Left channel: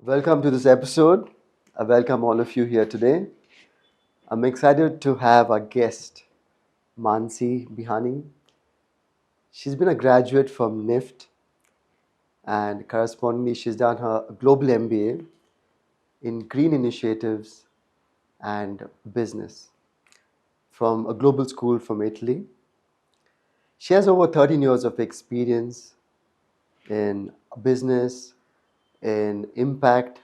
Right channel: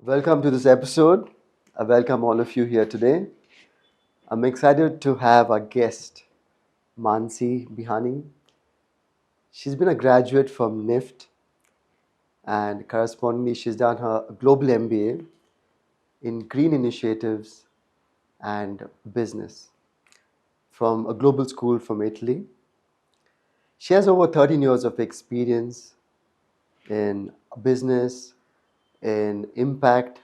Welcome to this episode. I welcome all of you here today. I'm excited to have our guest, Mansi Bihani. She's been a graduate from NIFT and correspondingly, she's done her global MBA in green initiatives and business from a global school from Italy. She has over 13 years of experience in business, in impact,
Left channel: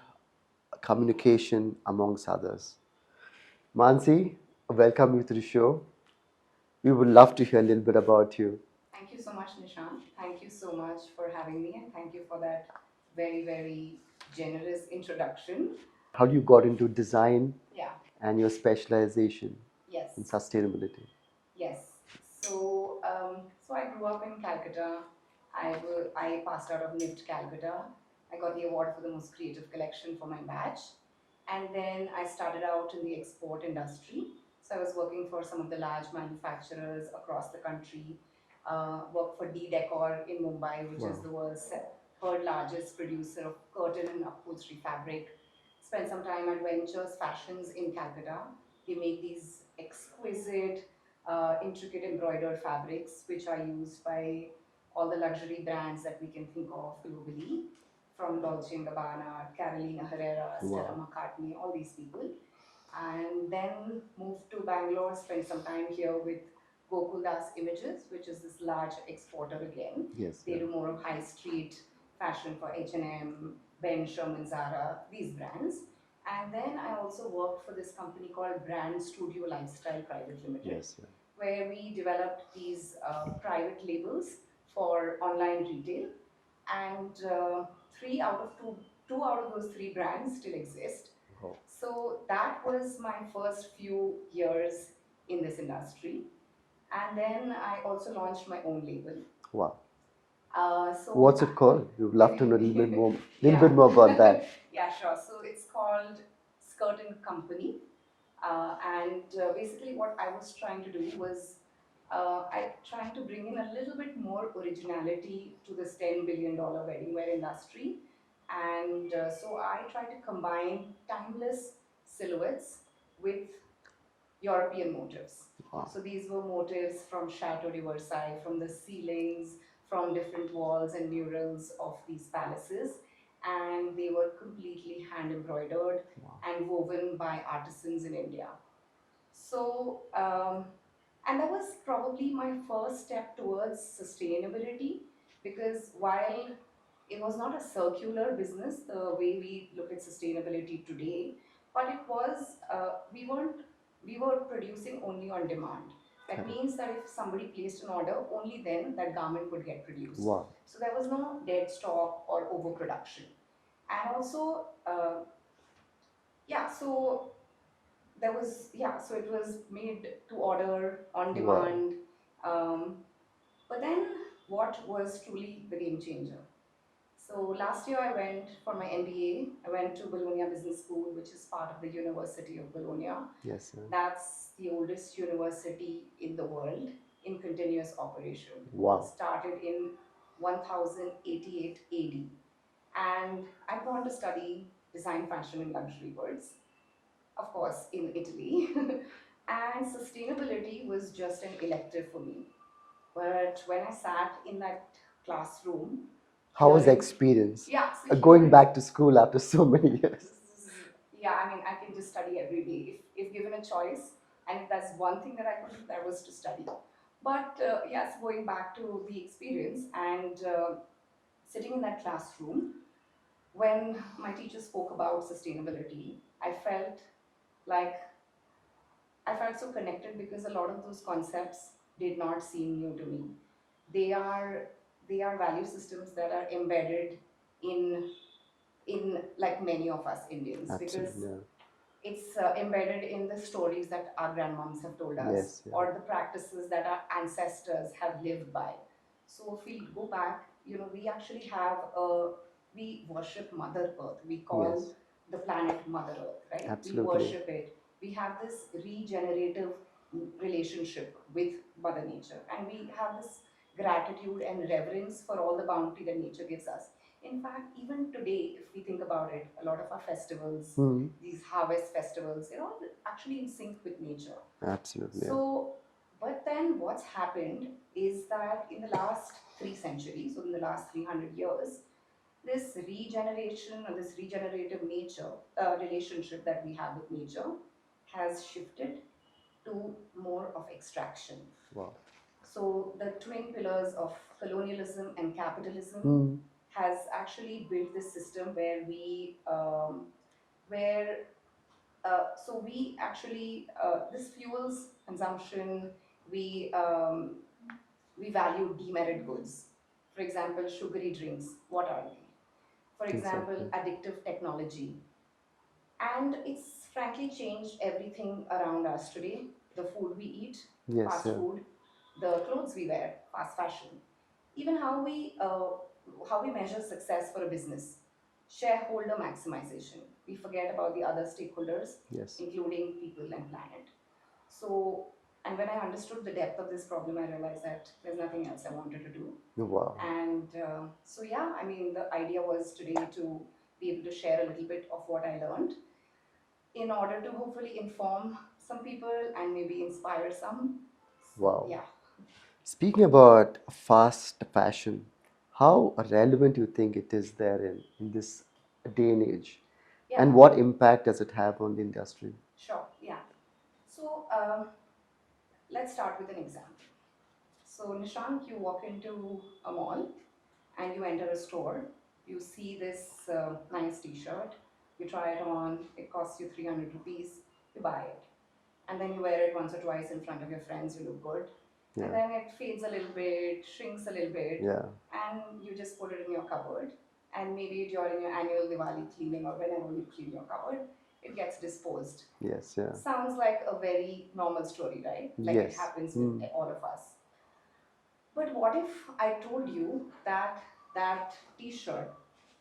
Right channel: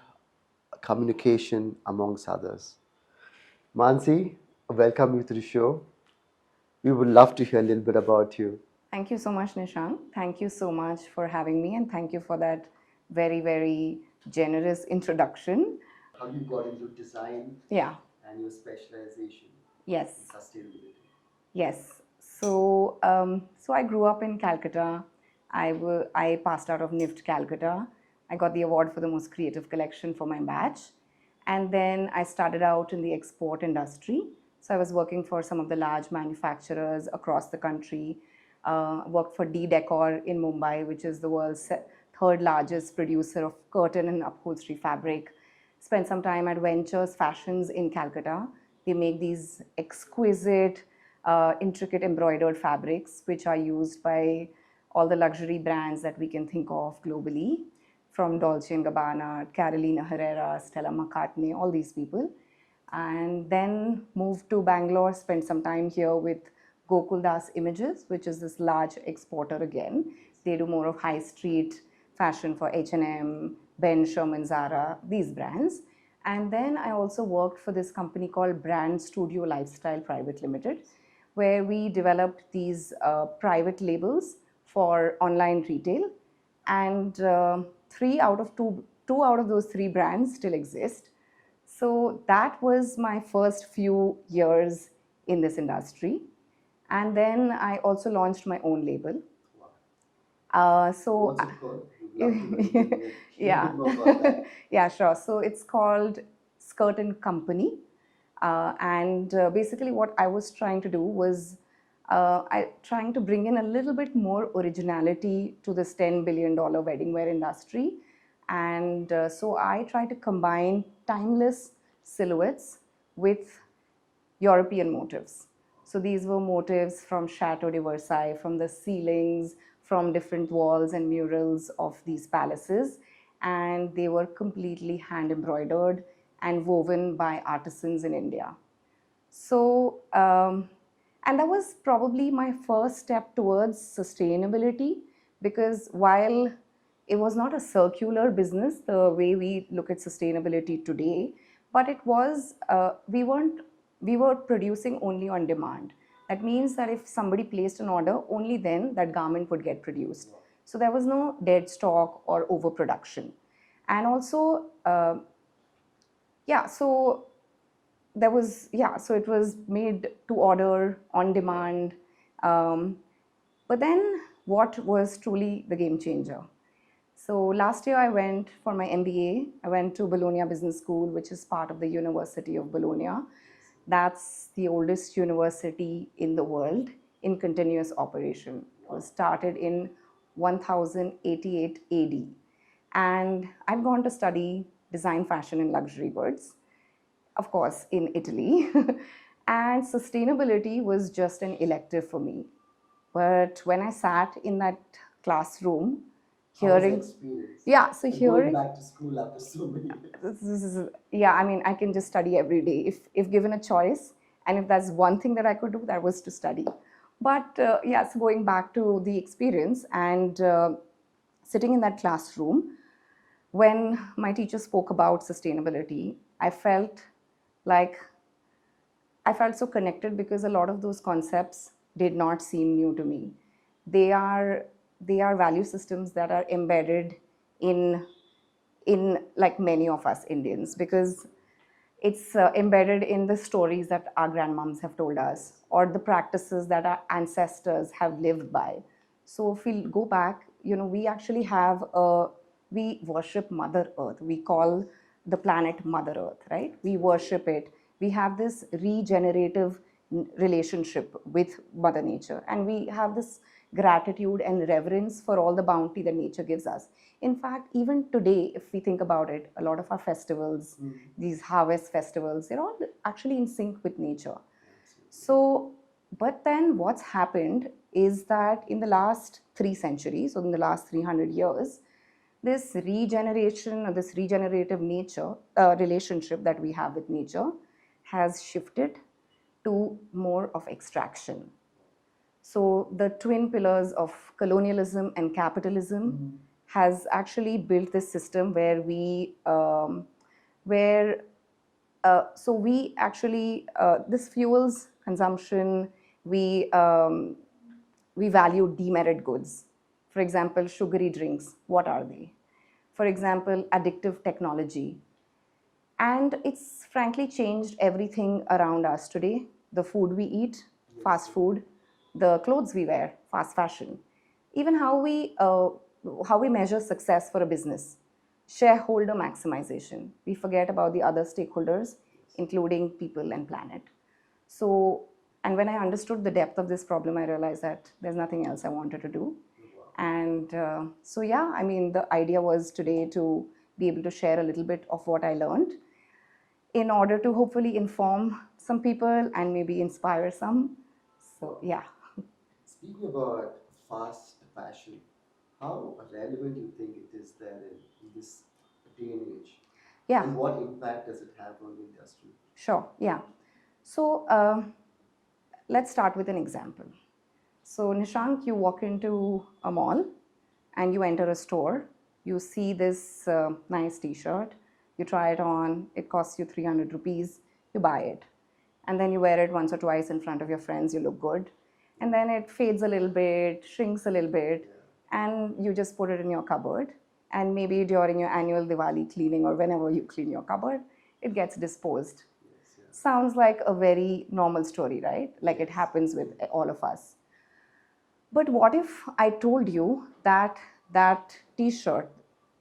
communication, amongst others. Mansi, welcome you to the show. We would love to hear a little bit about you. Thank you so much, Nishant. Thank you so much for having me, and thank you for that very, very generous introduction. How you got into design Yeah, and your specialization yes, in sustainability. yes. So I grew up in Calcutta. I passed out of NIFT Calcutta. I got the award for the most creative collection for my batch. And then I started out in the export industry. So I was working for some of the large manufacturers across the country. Worked for D Decor in Mumbai, which is Wow. the world's third largest producer of curtain and upholstery fabric. Spent some time at Ventures Fashions in Calcutta. They make these exquisite, intricate embroidered fabrics, which are used by all the luxury brands that we can think of globally, from Dolce& and Gabbana, Carolina Herrera, Stella Wow. McCartney, all these people. And then moved to Bangalore, spent some time here with Gokul Das Images, which is this large exporter again. Yes. They do more of high street fashion for H&M, Ben Sherman, Zara, these brands. And then I also worked for this company called Brand Studio Lifestyle Private Limited, Yes. where we developed these private labels for online retail. And two out of those three brands still exist. Wow. So that was my first few years in this industry. And then I also launched my own label. Wow. So What's it called? We'd love to know a little bit yeah, more about that. yeah, sure. So it's called Skirt and Company. And basically, what I was trying to do was trying to bring in a little bit more originality to this $10 billion wedding wear industry. And so I try to combine timeless silhouettes with European motifs. Wow. So these were motifs from Chateau de Versailles, from the ceilings, from different walls and murals of these palaces. And they were completely hand embroidered and woven by artisans in India. And that was probably my first step towards sustainability, because while it was not a circular business the way we look at sustainability today, but it was, we were producing only on demand. That means that if somebody placed an order, only then that garment would get produced. Wow. So there was no dead stock or overproduction. And also, yeah, so there was, yeah, so it was made to order on Wow. demand. Um, but then what was truly the game changer? So last year I went for my MBA. I went to Bologna Business School, which is part of the University of Bologna. Yes. Sir. That's the oldest university in the world in continuous operation. It was Wow. started in 1088 AD. And I've gone to study design, fashion, and luxury goods, of course, in Italy. And sustainability was just an elective for me. But when I sat in that classroom, How was the hearing, experience? yeah, so Going hearing, back to school after so many years. yeah, I mean, I can just study every day if given a choice. And if that's one thing that I could do, that was to study. But yes, going back to the experience and sitting in that classroom, when my teacher spoke about sustainability, like I felt so connected, because a lot of those concepts did not seem new to me. They are they are value systems that are embedded in like many of us Indians, because Absolutely. it's embedded in the stories that our grandmoms have told us, Yes. Yeah. or the practices that our ancestors have lived by. So if we go back, we actually we worship Mother Earth. We call Yes. the planet Mother Earth, right? We Absolutely. worship it. We have this regenerative relationship with Mother Nature, and we have this gratitude and reverence for all the bounty that nature gives us. in fact, even today, if we think about it, a lot of our festivals, Hmm. these harvest festivals, they're all actually in sync with nature. Absolutely. So, but then what's happened is that in the last 3 centuries, or in the last 300 years, this regeneration or this regenerative nature relationship that we have with nature has shifted to more of extraction. Wow. So the twin pillars of colonialism and capitalism Hmm. has actually built this system where where so we actually this fuels consumption. We um, we value demerit goods. For example, sugary drinks. What are they? For example, Exactly. addictive technology. And it's frankly changed everything around us today. The food we eat, Yes. fast Yeah. food, the clothes we wear, fast fashion, even how we measure success for a business, shareholder maximization. We forget about the other stakeholders, Yes. including people and planet. So, and when I understood the depth of this problem, I realized that there's nothing else I wanted to do. Wow. And so, yeah, I mean, the idea was today to be able to share a little bit of what I learned in order to hopefully inform some people and maybe inspire some. So, Wow. yeah. Speaking about fast fashion, how relevant you think it is there in this day and age? Yeah, And what impact does it have on the industry? sure. Yeah. So, let's start with an example. So, Nishank, you walk into a mall and you enter a store. You see this nice t shirt, you try it on, it costs you 300 rupees, you buy it. And then you wear it once or twice in front of your friends, you look good. And Yeah. then it fades a little bit, shrinks a little bit, Yeah. and you just put it in your cupboard. And maybe during your annual Diwali cleaning or whenever you clean your cupboard, it gets disposed. Yes. Yeah. Sounds like a very normal story, right? Like it Yes. happens with Mm. all of us. But what if I told you that that t shirt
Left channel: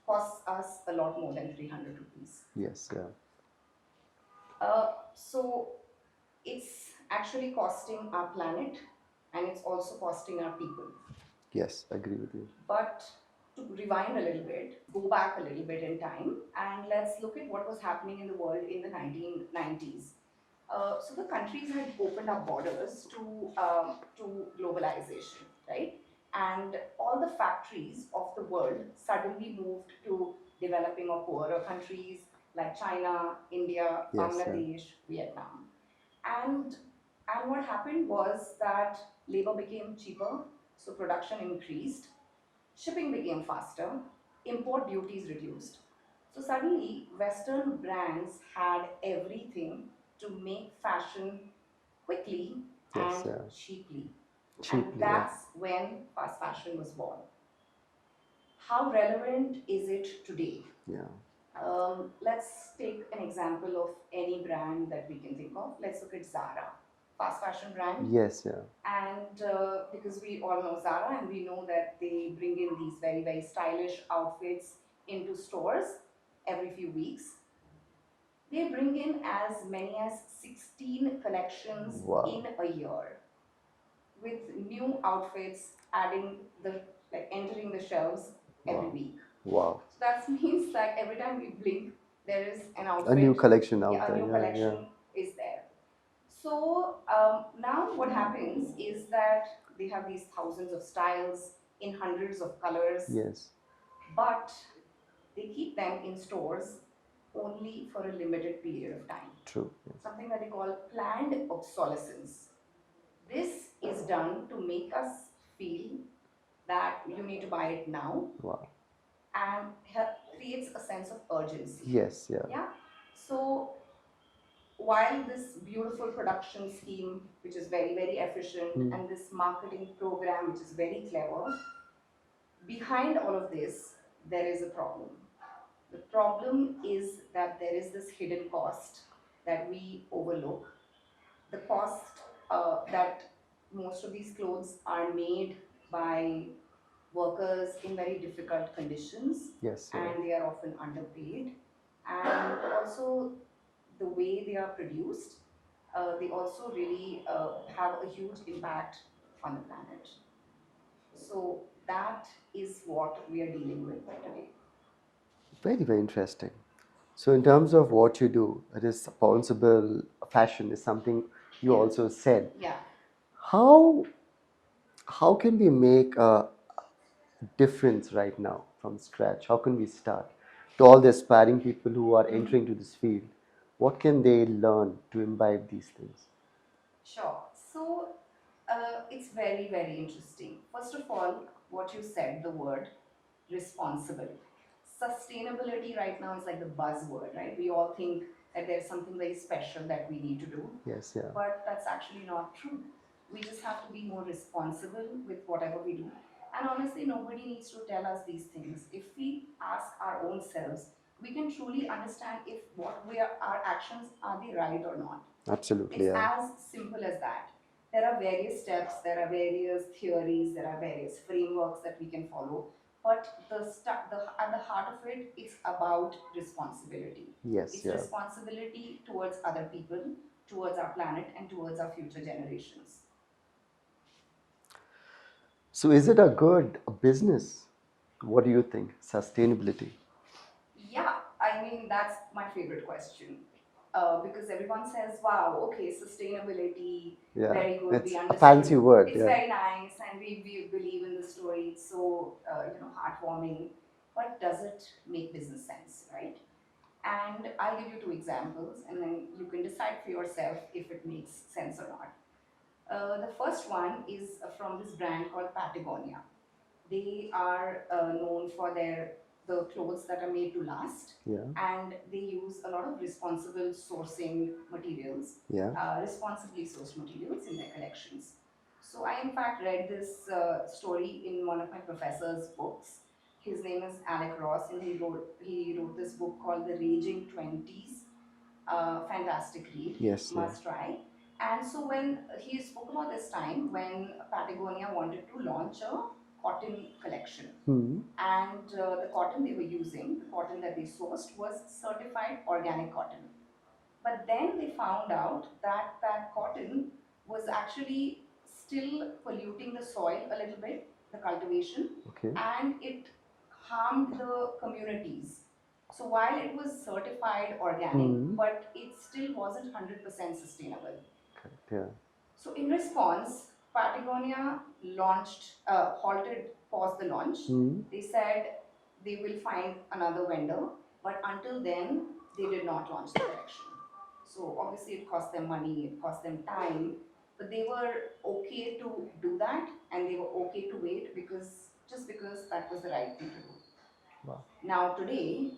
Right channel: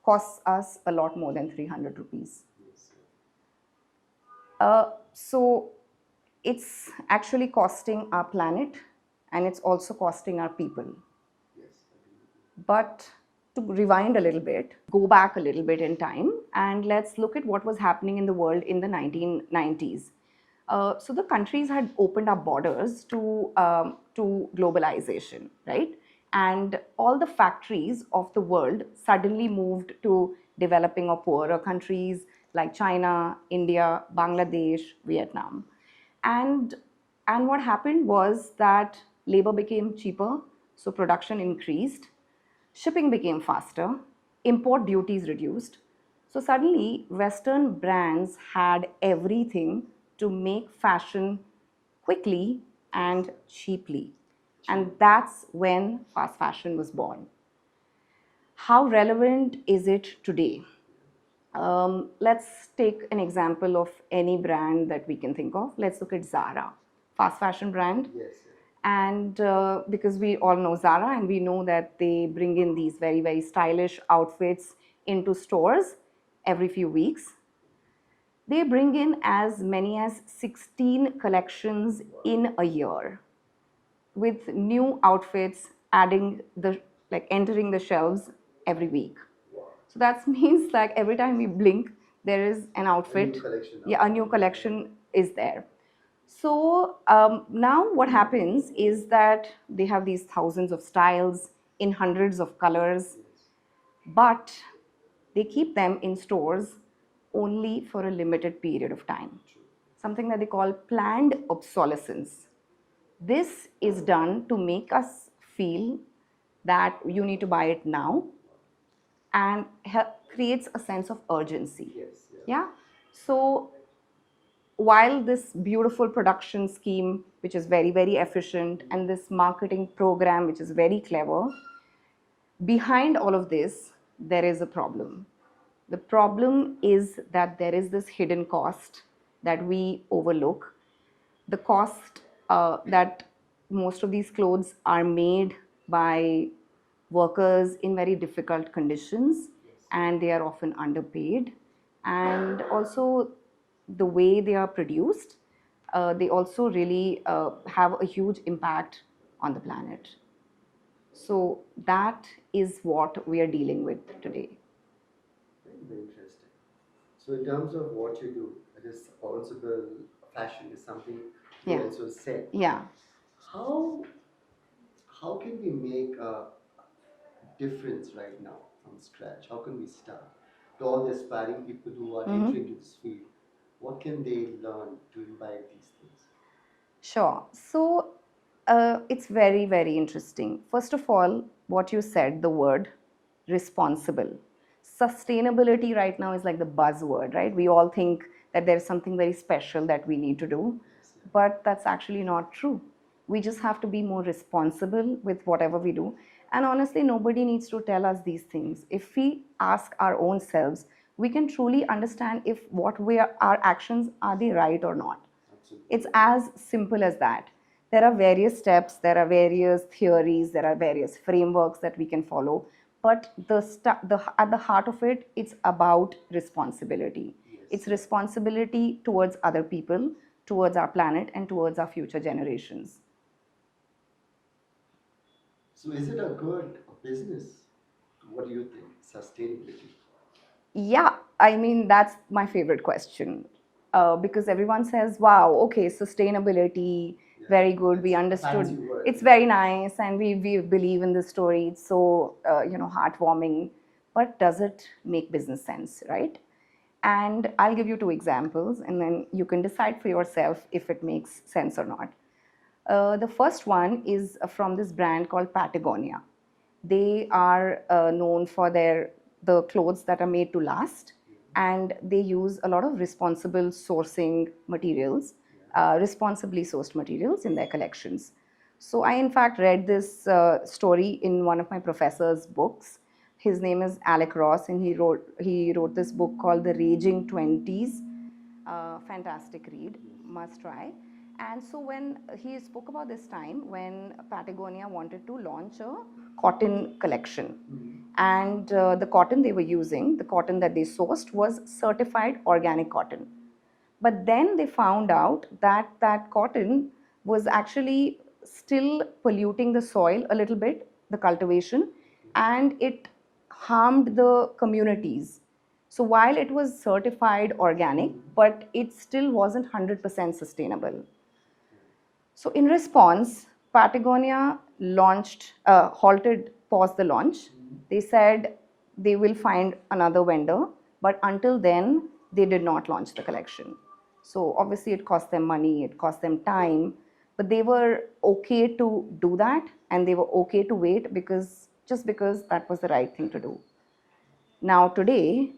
costs us a lot more than 300 rupees? Yes. Yeah. So it's actually costing our planet and it's also costing our people. Yes. Agree with you. But to rewind a little bit, go back a little bit in time, and let's look at what was happening in the world in the 1990s. So the countries had opened up borders to globalization, right? And all the factories of the world suddenly moved to developing or poorer countries like China, India, Yes. Yeah. Bangladesh, Vietnam. And and what happened was that labor became cheaper, so production increased, shipping became faster, import duties reduced. So suddenly, Western brands had everything to make fashion quickly Yes. and Yeah. cheaply. And Cheaply. Yeah. that's when fast fashion was born. How relevant is it today? Yeah. Let's take an example of any brand that we can think of. Let's look at Zara, fast fashion brand. Yes. Yeah. And because we all know Zara and we know that they bring in these very, very stylish outfits into stores every few weeks. They bring in as many as 16 collections Wow. in a year with new outfits adding the like entering the shelves every Wow. week. Wow. So that means like every time we blink, there is an A new outfit. collection Yeah, out a there. new Yeah. Yeah. collection is there. So now what happens is that they have these thousands of styles in hundreds of colors, Yes. but they keep them in stores only for a limited period of time. True. Yes. Something that they call planned obsolescence. This is done to make us feel that you need to buy it now Wow. and creates a sense of urgency. Yes. Yeah. Yeah. So while this beautiful production scheme, which is very, very efficient, Mm. and this marketing program, which is very clever, behind all of this, there is a problem. The problem is that there is this hidden cost that we overlook. The cost that most of these clothes are made by workers in very difficult conditions Yes. Yeah. and they are often underpaid. And also, the way they are produced, they also really have a huge impact on the planet. So that is what we are dealing with today. Very, very interesting. So, in terms of what you do, responsible fashion is something you Yeah. also said. Yeah. How how can we make a difference right now from scratch? How can we start? To all the aspiring people who are entering to this field, what can they learn to imbibe these things? Sure. So it's very, very interesting. First of all, what you said, the word responsible. Sustainability right now is like the buzzword, right? We all think that there's something very special that we need to do, Yes, yeah. but that's actually not true. We just have to be more responsible with whatever we do. And honestly, nobody needs to tell us these things. If we ask our own selves, we can truly understand if what we are, our actions are they right or not. Absolutely, It's yeah. as simple as that. There are various steps, there are various theories, there are various frameworks that we can follow. But at the heart of it, it's about responsibility. Yes, It's yeah. responsibility towards other people, towards our planet, and towards our future generations. So, is it a good business? What do you think? Sustainability. Yeah, I mean, that's my favorite question. Because everyone says, wow, okay, sustainability, Yeah, very good, we it's a understood. fancy word. It's Yeah. very nice, and we believe in the story. It's so, heartwarming. But does it make business sense, right? And I'll give you two examples, and then you can decide for yourself if it makes sense or not. The first one is from this brand called Patagonia. They are known for the clothes that are made to last, Yeah. and they use a lot of responsible sourcing materials, Yeah. responsibly sourced materials in their collections. So I in fact read this story in one of my professor's books. His name is Alec Ross, and he wrote this book called The Raging Twenties. Fantastic read, Yes, yeah. must try. And so when he spoke about this time when Patagonia wanted to launch a cotton collection, and the cotton they were using, the cotton that they sourced, was certified organic cotton. But then they found out that that cotton was actually still polluting the soil a little bit, the cultivation, Okay. and it harmed the communities. So while it was certified organic, but it still wasn't 100% sustainable. Yeah. So, in response, Patagonia paused the launch. They said they will find another vendor, but until then, they did not launch the collection. So, obviously, it cost them money, it cost them time, but they were okay to do that, and they were okay to wait because that was the right thing to do. Wow. Now, today,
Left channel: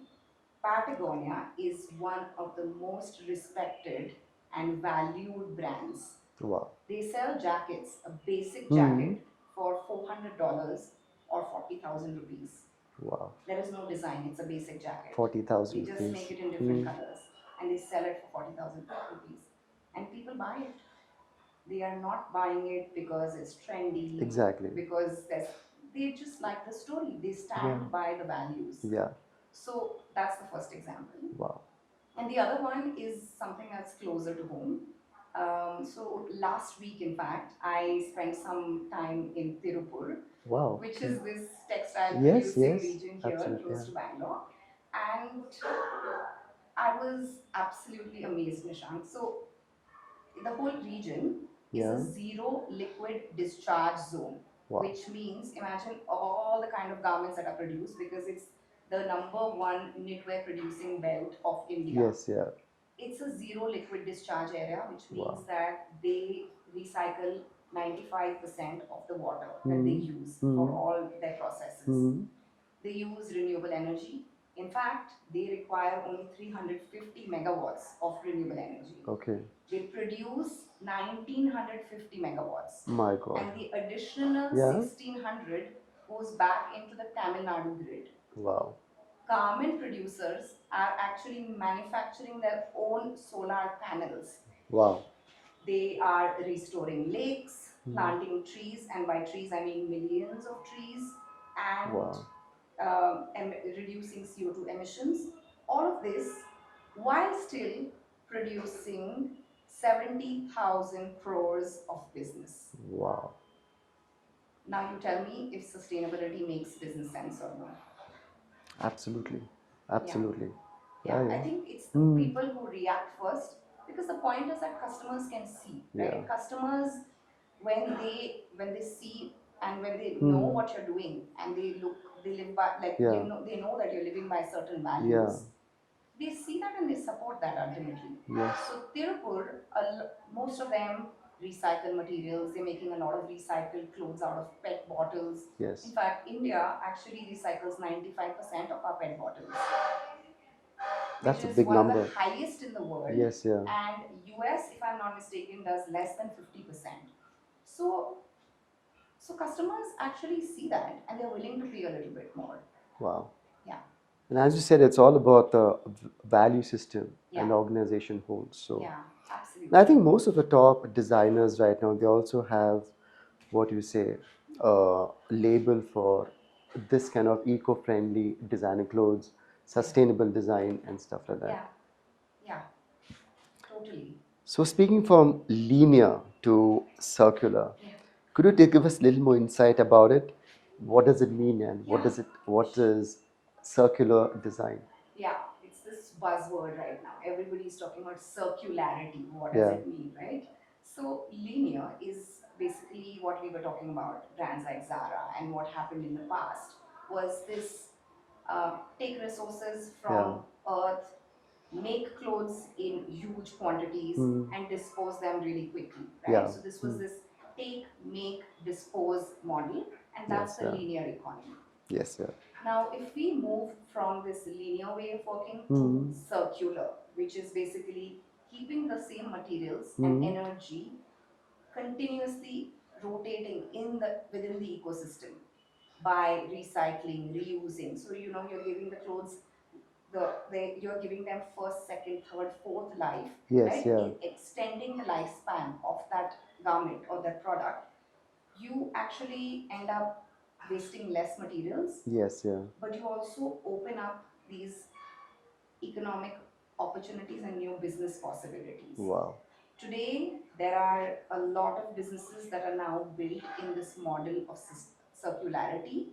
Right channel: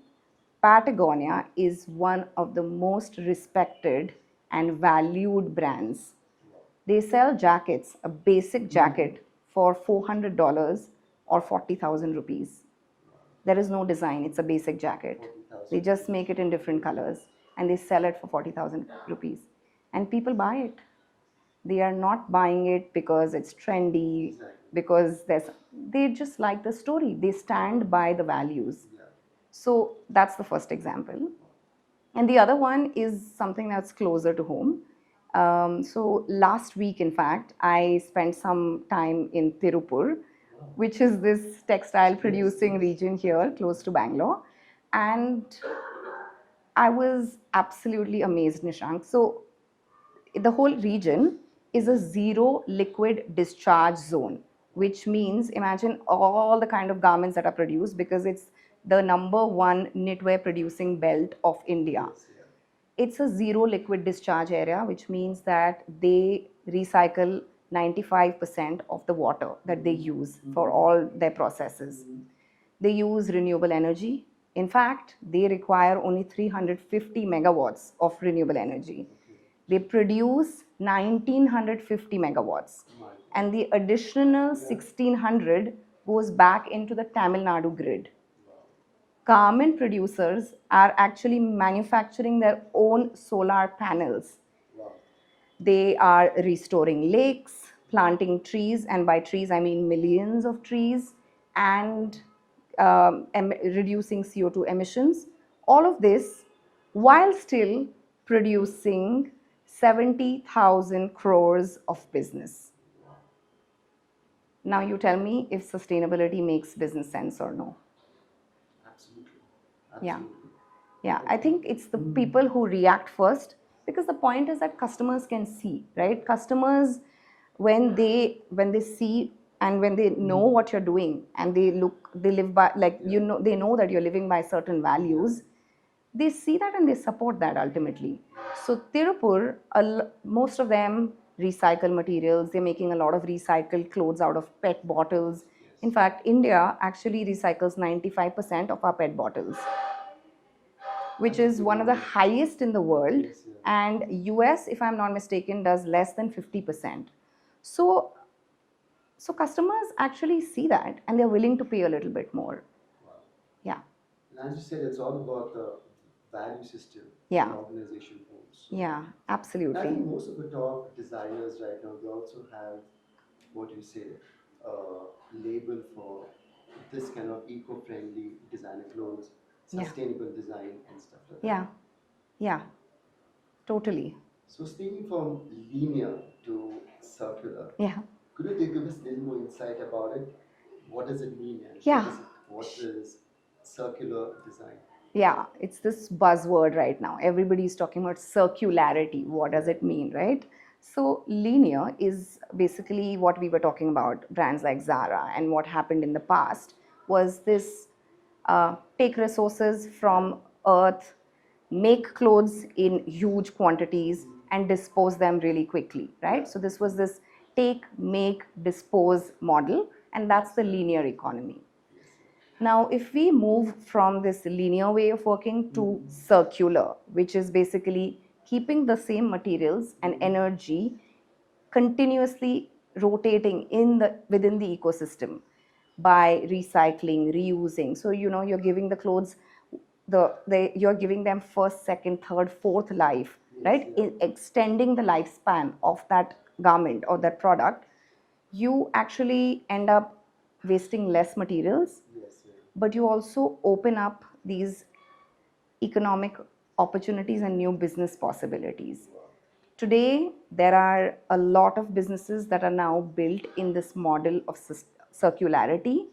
Patagonia is one of the most respected and valued brands. Wow. They sell jackets, a basic jacket for $400 or 40,000 rupees. Wow. There is no design, it's a basic jacket. 40,000 They just rupees. make it in different colors and they sell it for 40,000 rupees. And people buy it. They are not buying it because it's trendy, Exactly. because they just like the story. They stand by the values. Yeah. So that's the first example. Wow. And the other one is something that's closer to home. So last week, in fact, I spent some time in Tirupur, Wow. which is this textile Yes, producing yes. region here Absolutely. close Yeah. to Bangalore. And I was absolutely amazed, Nishank. So the whole region is a Yeah. zero liquid discharge zone, Wow. which means imagine all the kind of garments that are produced because it's the number one knitwear producing belt of India. Yes, yeah. It's a zero liquid discharge area, which means Wow. that they recycle 95% of the water that they use for all their processes. They use renewable energy. In fact, they require only 350 megawatts of renewable energy. Okay. They produce 1950 megawatts. My God. And the additional Yeah. 1600 goes back into the Tamil Nadu grid. Wow. Garment producers are actually manufacturing their own solar panels. Wow. They are restoring lakes, planting trees, and by trees I mean millions of trees, and reducing CO2 emissions. All of this while still producing 70,000 crores of business. Wow. Now you tell me if sustainability makes business sense or no. Absolutely. Yeah. Absolutely. Yeah, Yeah, I yeah. think it's the people who react first, because the point is that customers can see, Yeah. right? Customers, when they see and when they know what you're doing, and they live by, like, Yeah. they know that you're living by certain Yeah. values, they see that and they support that ultimately. Yes. So Tirupur, most of them recycle materials. They're making a lot of recycled clothes out of PET bottles. Yes. In fact, India actually recycles 95% of our PET bottles, which That's a is big one of the number. highest in the world. Yes, yeah. And US, if I'm not mistaken, does less than 50%. So so customers actually see that and they're willing to pay a little bit more. Wow. Yeah. And as you said, it's all about the value system Yeah. an organization holds. So Yeah, and I absolutely. think most of the top designers right now, they also have what you say, a label for this kind of eco-friendly designer clothes, Yeah. sustainable design and stuff like that. Yeah. Yeah, totally. So speaking from linear to circular, Yeah. could you give us a little more insight about it? What does it mean and Yeah. what is circular design? Yeah, it's this buzzword right now. Everybody's talking about circularity. What does Yeah. it mean, right? So, linear is basically what we were talking about, brands like Zara. And what happened in the past was this: take resources Yeah. from earth, make clothes in huge quantities, Mm. and dispose them really quickly, right? Yeah. So, this was this take, make, dispose model, and that's Yes, the yeah. linear economy. Yes, yeah. Now, if we move from this linear way of working to circular, which is basically keeping the same materials and energy continuously rotating within the ecosystem by recycling, reusing. So you're giving the clothes you're giving them first, second, third, fourth life, Yes, right? yeah. Extending the lifespan of that garment or that product, you actually end up wasting less materials, Yes, yeah. but you also open up these economic opportunities and new business possibilities. Wow. Today, there are a lot of businesses that are now built in this model of circularity.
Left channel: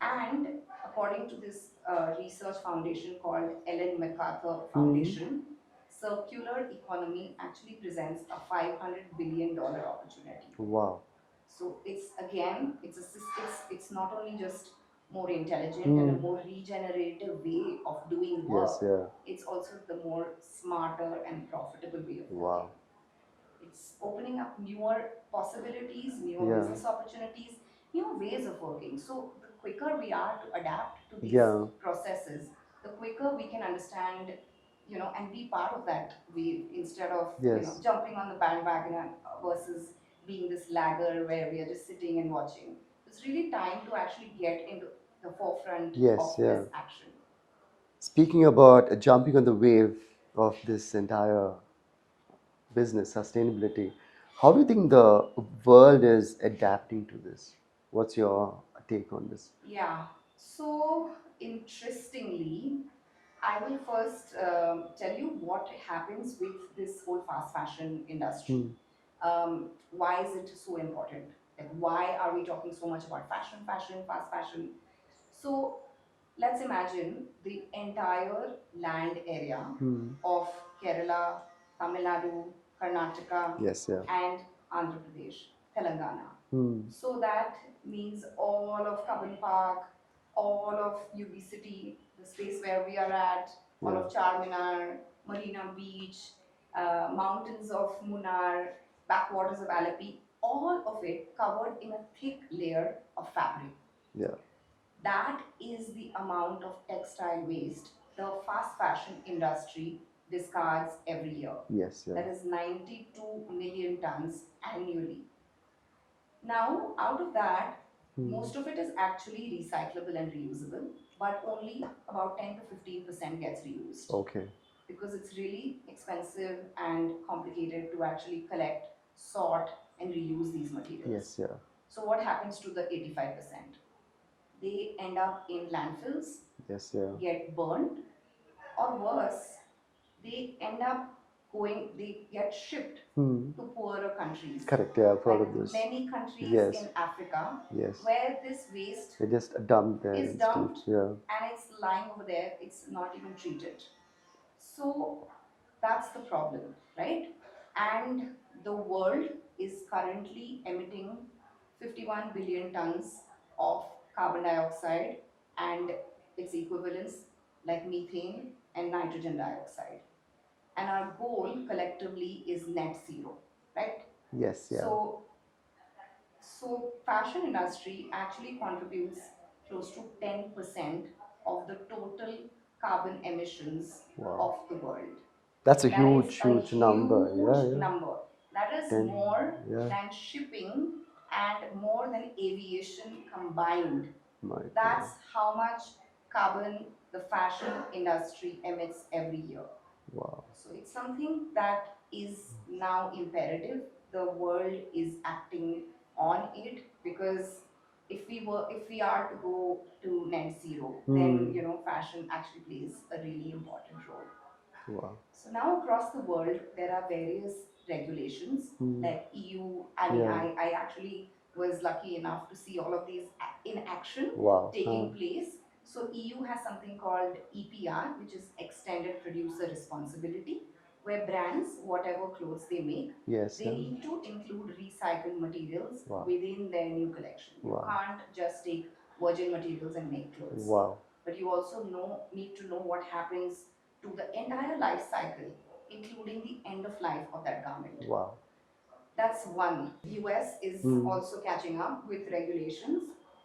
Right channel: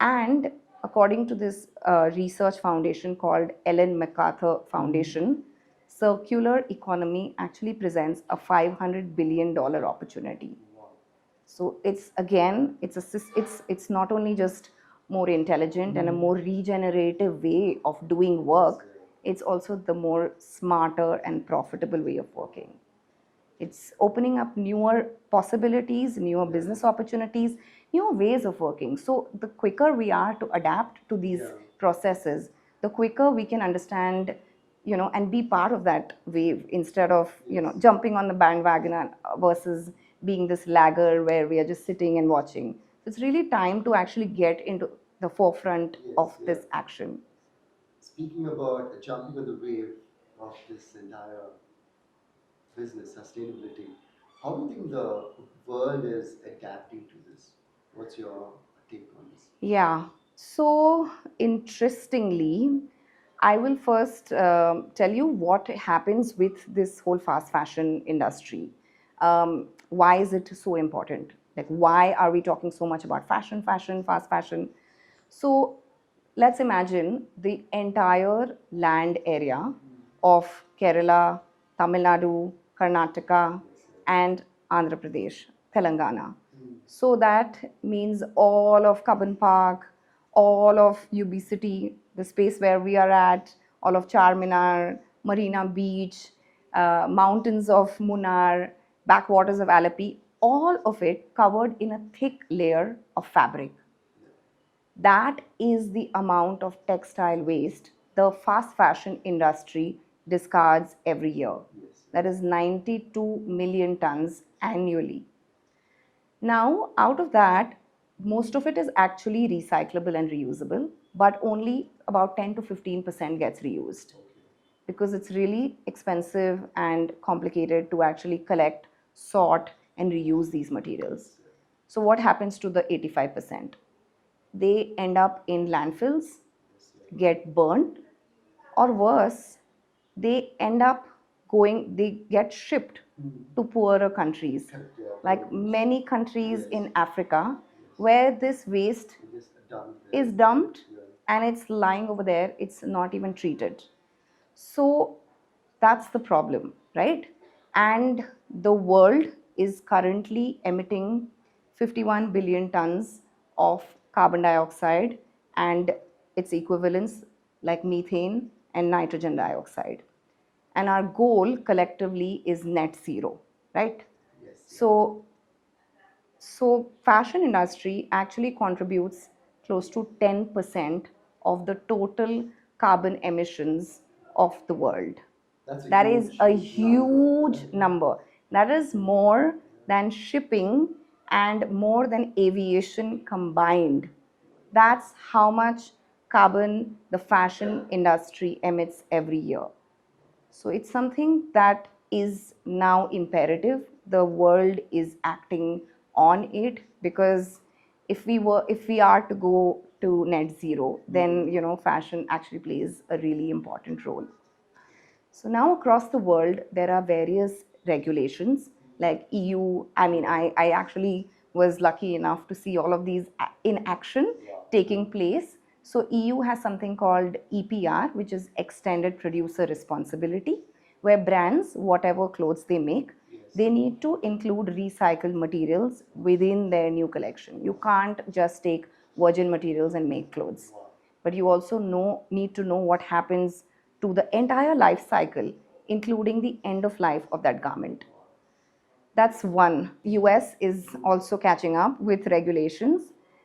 And according to this research foundation called Ellen MacArthur Foundation, circular economy actually presents a $500 billion opportunity. Wow. So it's, again, it's not only just more intelligent and a more regenerative way of doing Yes, work, yeah. it's also the more smarter and profitable way of Wow. working. It's opening up newer possibilities, newer Yeah. business opportunities, newer ways of working. So the quicker we are to adapt to these Yeah. processes, the quicker we can understand, and be part of that wave, instead of Yes. jumping on the bandwagon versus being this lagger where we are just sitting and watching. It's really time to actually get into the forefront of Yes, yeah. this action. Speaking about jumping on the wave of this entire business, sustainability, how do you think the world is adapting to this? What's your take on this? Yeah. So, interestingly, I will first tell you what happens with this whole fast fashion industry. Why is it so important? Like, why are we talking so much about fashion, fast fashion? So, let's imagine the entire land area of Kerala, Tamil Nadu, Karnataka, Yes, yeah. and Andhra Pradesh, Telangana. Hmm. So that means all of Cubbon Park, all of UB City, the space where we are at, all Yeah. of Charminar, Marina Beach, mountains of Munnar, backwaters of Alleppey, all of it covered in a thick layer of fabric. Yeah. That is the amount of textile waste the fast fashion industry discards every year. Yes, yeah. That is 92 million tons annually. Now, out of that, most of it is actually recyclable and reusable, but only about 10 to 15% gets reused, Okay. because it's really expensive and complicated to actually collect, sort, and reuse these materials. Yes, yeah. So, what happens to the 85%? They end up in landfills, Yes, yeah. get burned, or worse, they end up they get shipped to poorer countries. Correct. Yeah, I've heard Like of this. many countries Yes. in Africa, Yes. where this waste They just dump there is instead. dumped Yeah. and it's lying over there, it's not even treated. So that's the problem, right? And the world is currently emitting 51 billion tons of carbon dioxide and its equivalents like methane and nitrogen dioxide. And our goal collectively is net zero, right? Yes. Yeah. So fashion industry actually contributes close to 10% of the total carbon emissions of the world. That's a That is huge, a huge number. huge Yeah. Yeah. number. That is Then, more yeah. than shipping and more than aviation combined. My That's how much carbon the fashion industry emits every year. Wow. So it's something that is now imperative. The world is acting on it, because if we are to go to net zero, then fashion actually plays a really important role. Wow. So now across the world, there are various regulations like EU. I mean, Yeah. I actually was lucky enough to see all of these in action Wow. taking place. So EU has something called EPR, which is Extended Producer Responsibility, where brands, whatever clothes they make, Yes. they need to include recycled materials within their new collection. You can't just take virgin materials and make clothes. Wow. But you also need to know what happens to the entire life cycle, including the end of life of that garment. Wow. That's one. US is also catching up with regulations.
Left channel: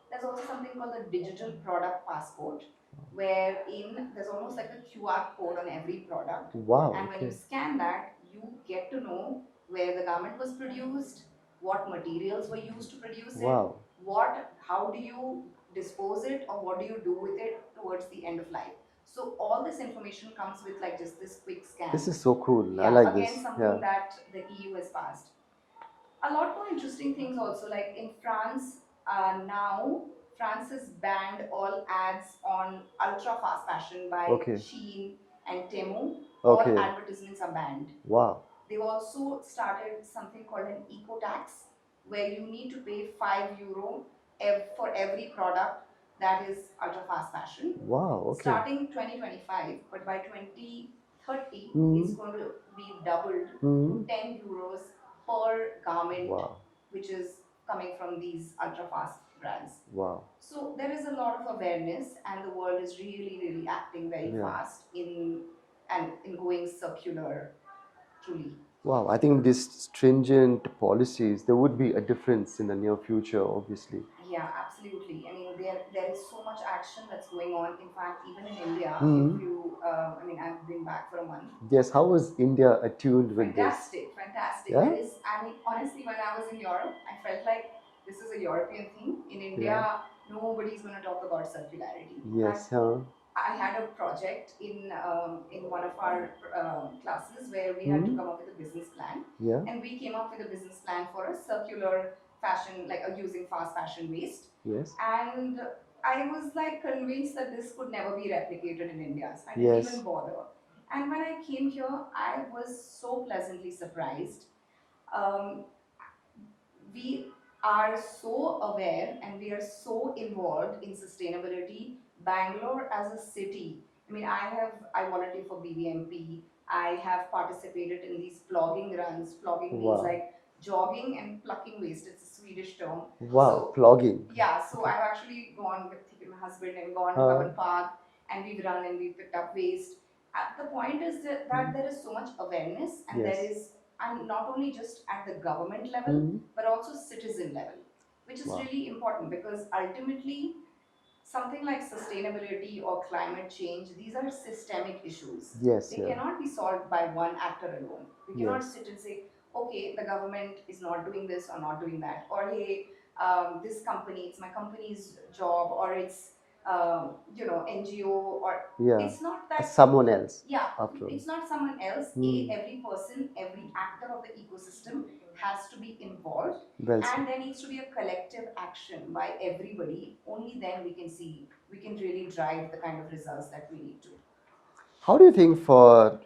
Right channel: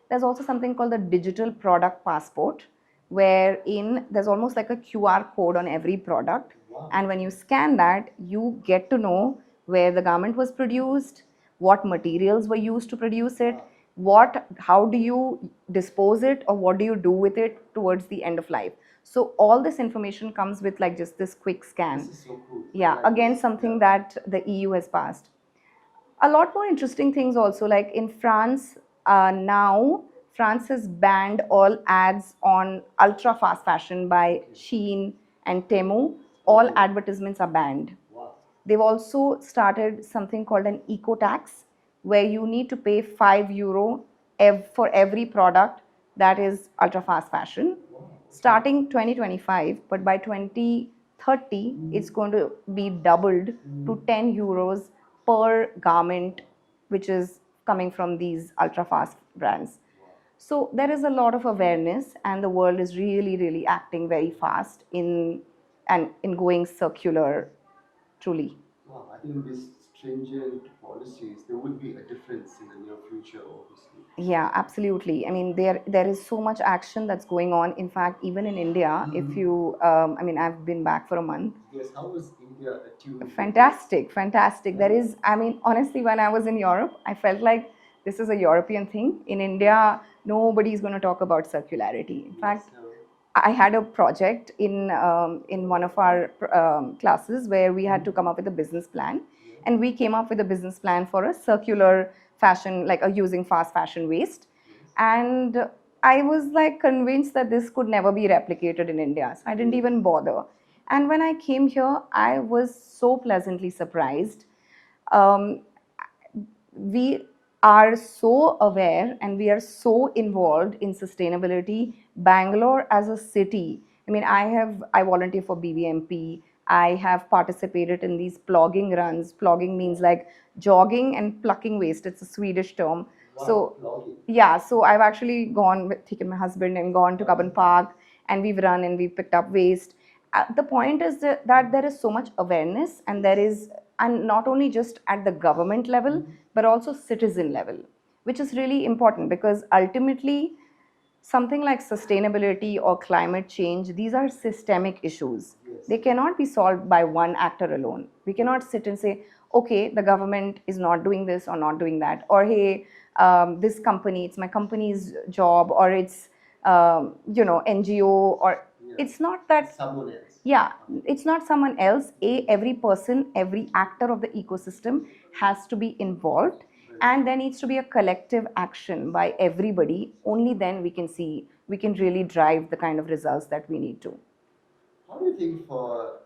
There's also something called the digital product passport, wherein there's almost like a QR code on every product. Wow. And when you scan that, you get to know where the garment was produced, what materials were used to produce it, how do you dispose it, or what do you do with it towards the end of life. So all this information comes with like just this quick scan. This is so cool. I Yeah, like again, this. something Yeah. that the EU has passed. A lot more interesting things also, like in France, now France has banned all ads on ultra fast fashion by Okay. Shein and Temu. All Okay. advertisements are banned. Wow. They've also started something called an eco tax, where you need to pay €5 for every product that is ultra fast fashion. Wow. Okay. Starting 2025, but by 2030, it's going to be doubled to €10 per garment, Wow. which is coming from these ultra fast brands. Wow. So there is a lot of awareness, and the world is really, really acting very fast in going circular, truly. Wow, I think these stringent policies, there would be a difference in the near future, obviously. Yeah, absolutely. I mean, there is so much action that's going on. In fact, even in India, if you, I mean, I've been back for a month. Yes, how was India attuned with this? Fantastic, fantastic. Yeah? There is, I mean, honestly, when I was in Europe, I felt like this is a European thing. In India, nobody's going to talk about circularity. In fact, I had a project in one of our classes where we had to come up with a business plan, Yeah. and we came up with a business plan for a circular fashion, like using fast fashion waste. Yes. And I was like convinced that this could never be replicated in India, so I didn't even bother. And when I came here, I was so pleasantly surprised. Um, we are so aware and we are so involved in sustainability. Bangalore as a city, I mean, I volunteer for BVMP. I have participated in these plogging runs. Plogging means like jogging and plucking waste. It's a Swedish term. Wow, So plogging. yeah, so I've actually taken my husband and gone to Cubbon Park, and we've run and we've picked up waste. The point is that there is so much awareness, and there is, and not only just at the government level, but also citizen level, which is really important, because ultimately something like sustainability or climate change, these are systemic issues. They cannot be solved by one actor alone. We cannot sit and say, okay, the government is not doing this or not doing that, or hey, this company, it's my company's job, or it's NGO, or it's not that someone else. Yeah, it's not someone else. Every person, every actor of the ecosystem has to be involved, and there needs to be a collective action by everybody. Only then we can really drive the kind of results that we need to. How do you think for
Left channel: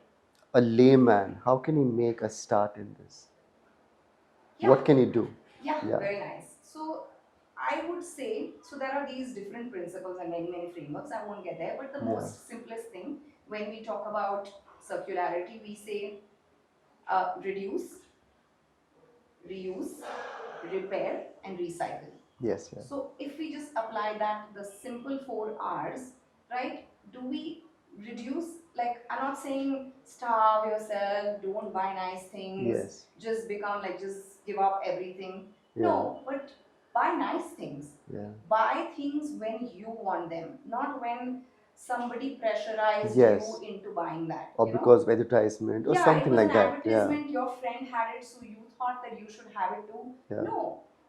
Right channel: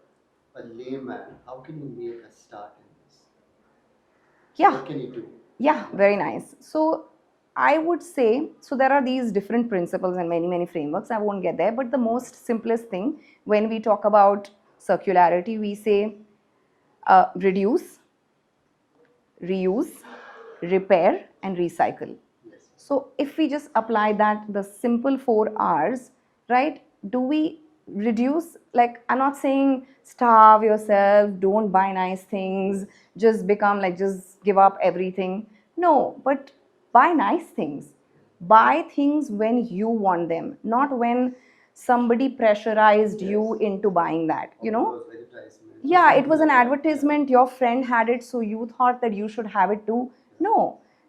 a layman, how can he make a start in this? Yeah. What can he do? Yeah, Yeah. very nice. So I would say, so there are these different principles and many, many frameworks. I won't get there, but the Yeah. most simplest thing when we talk about circularity, we say reduce, reuse, repair, and recycle. Yes. Yeah. So if we just apply that, the simple 4 R's, right? Do we reduce, like, I'm not saying starve yourself, don't buy nice things, Yes. just become like, just give up everything. Yeah. No, but buy nice things. Yeah. Buy things when you want them, not when somebody pressurized you Yes. into buying that, Or you know? because of advertisement or Yeah, it something was an like that. Yeah. advertisement, your friend had it, so you thought that you should have it too. Yeah. No,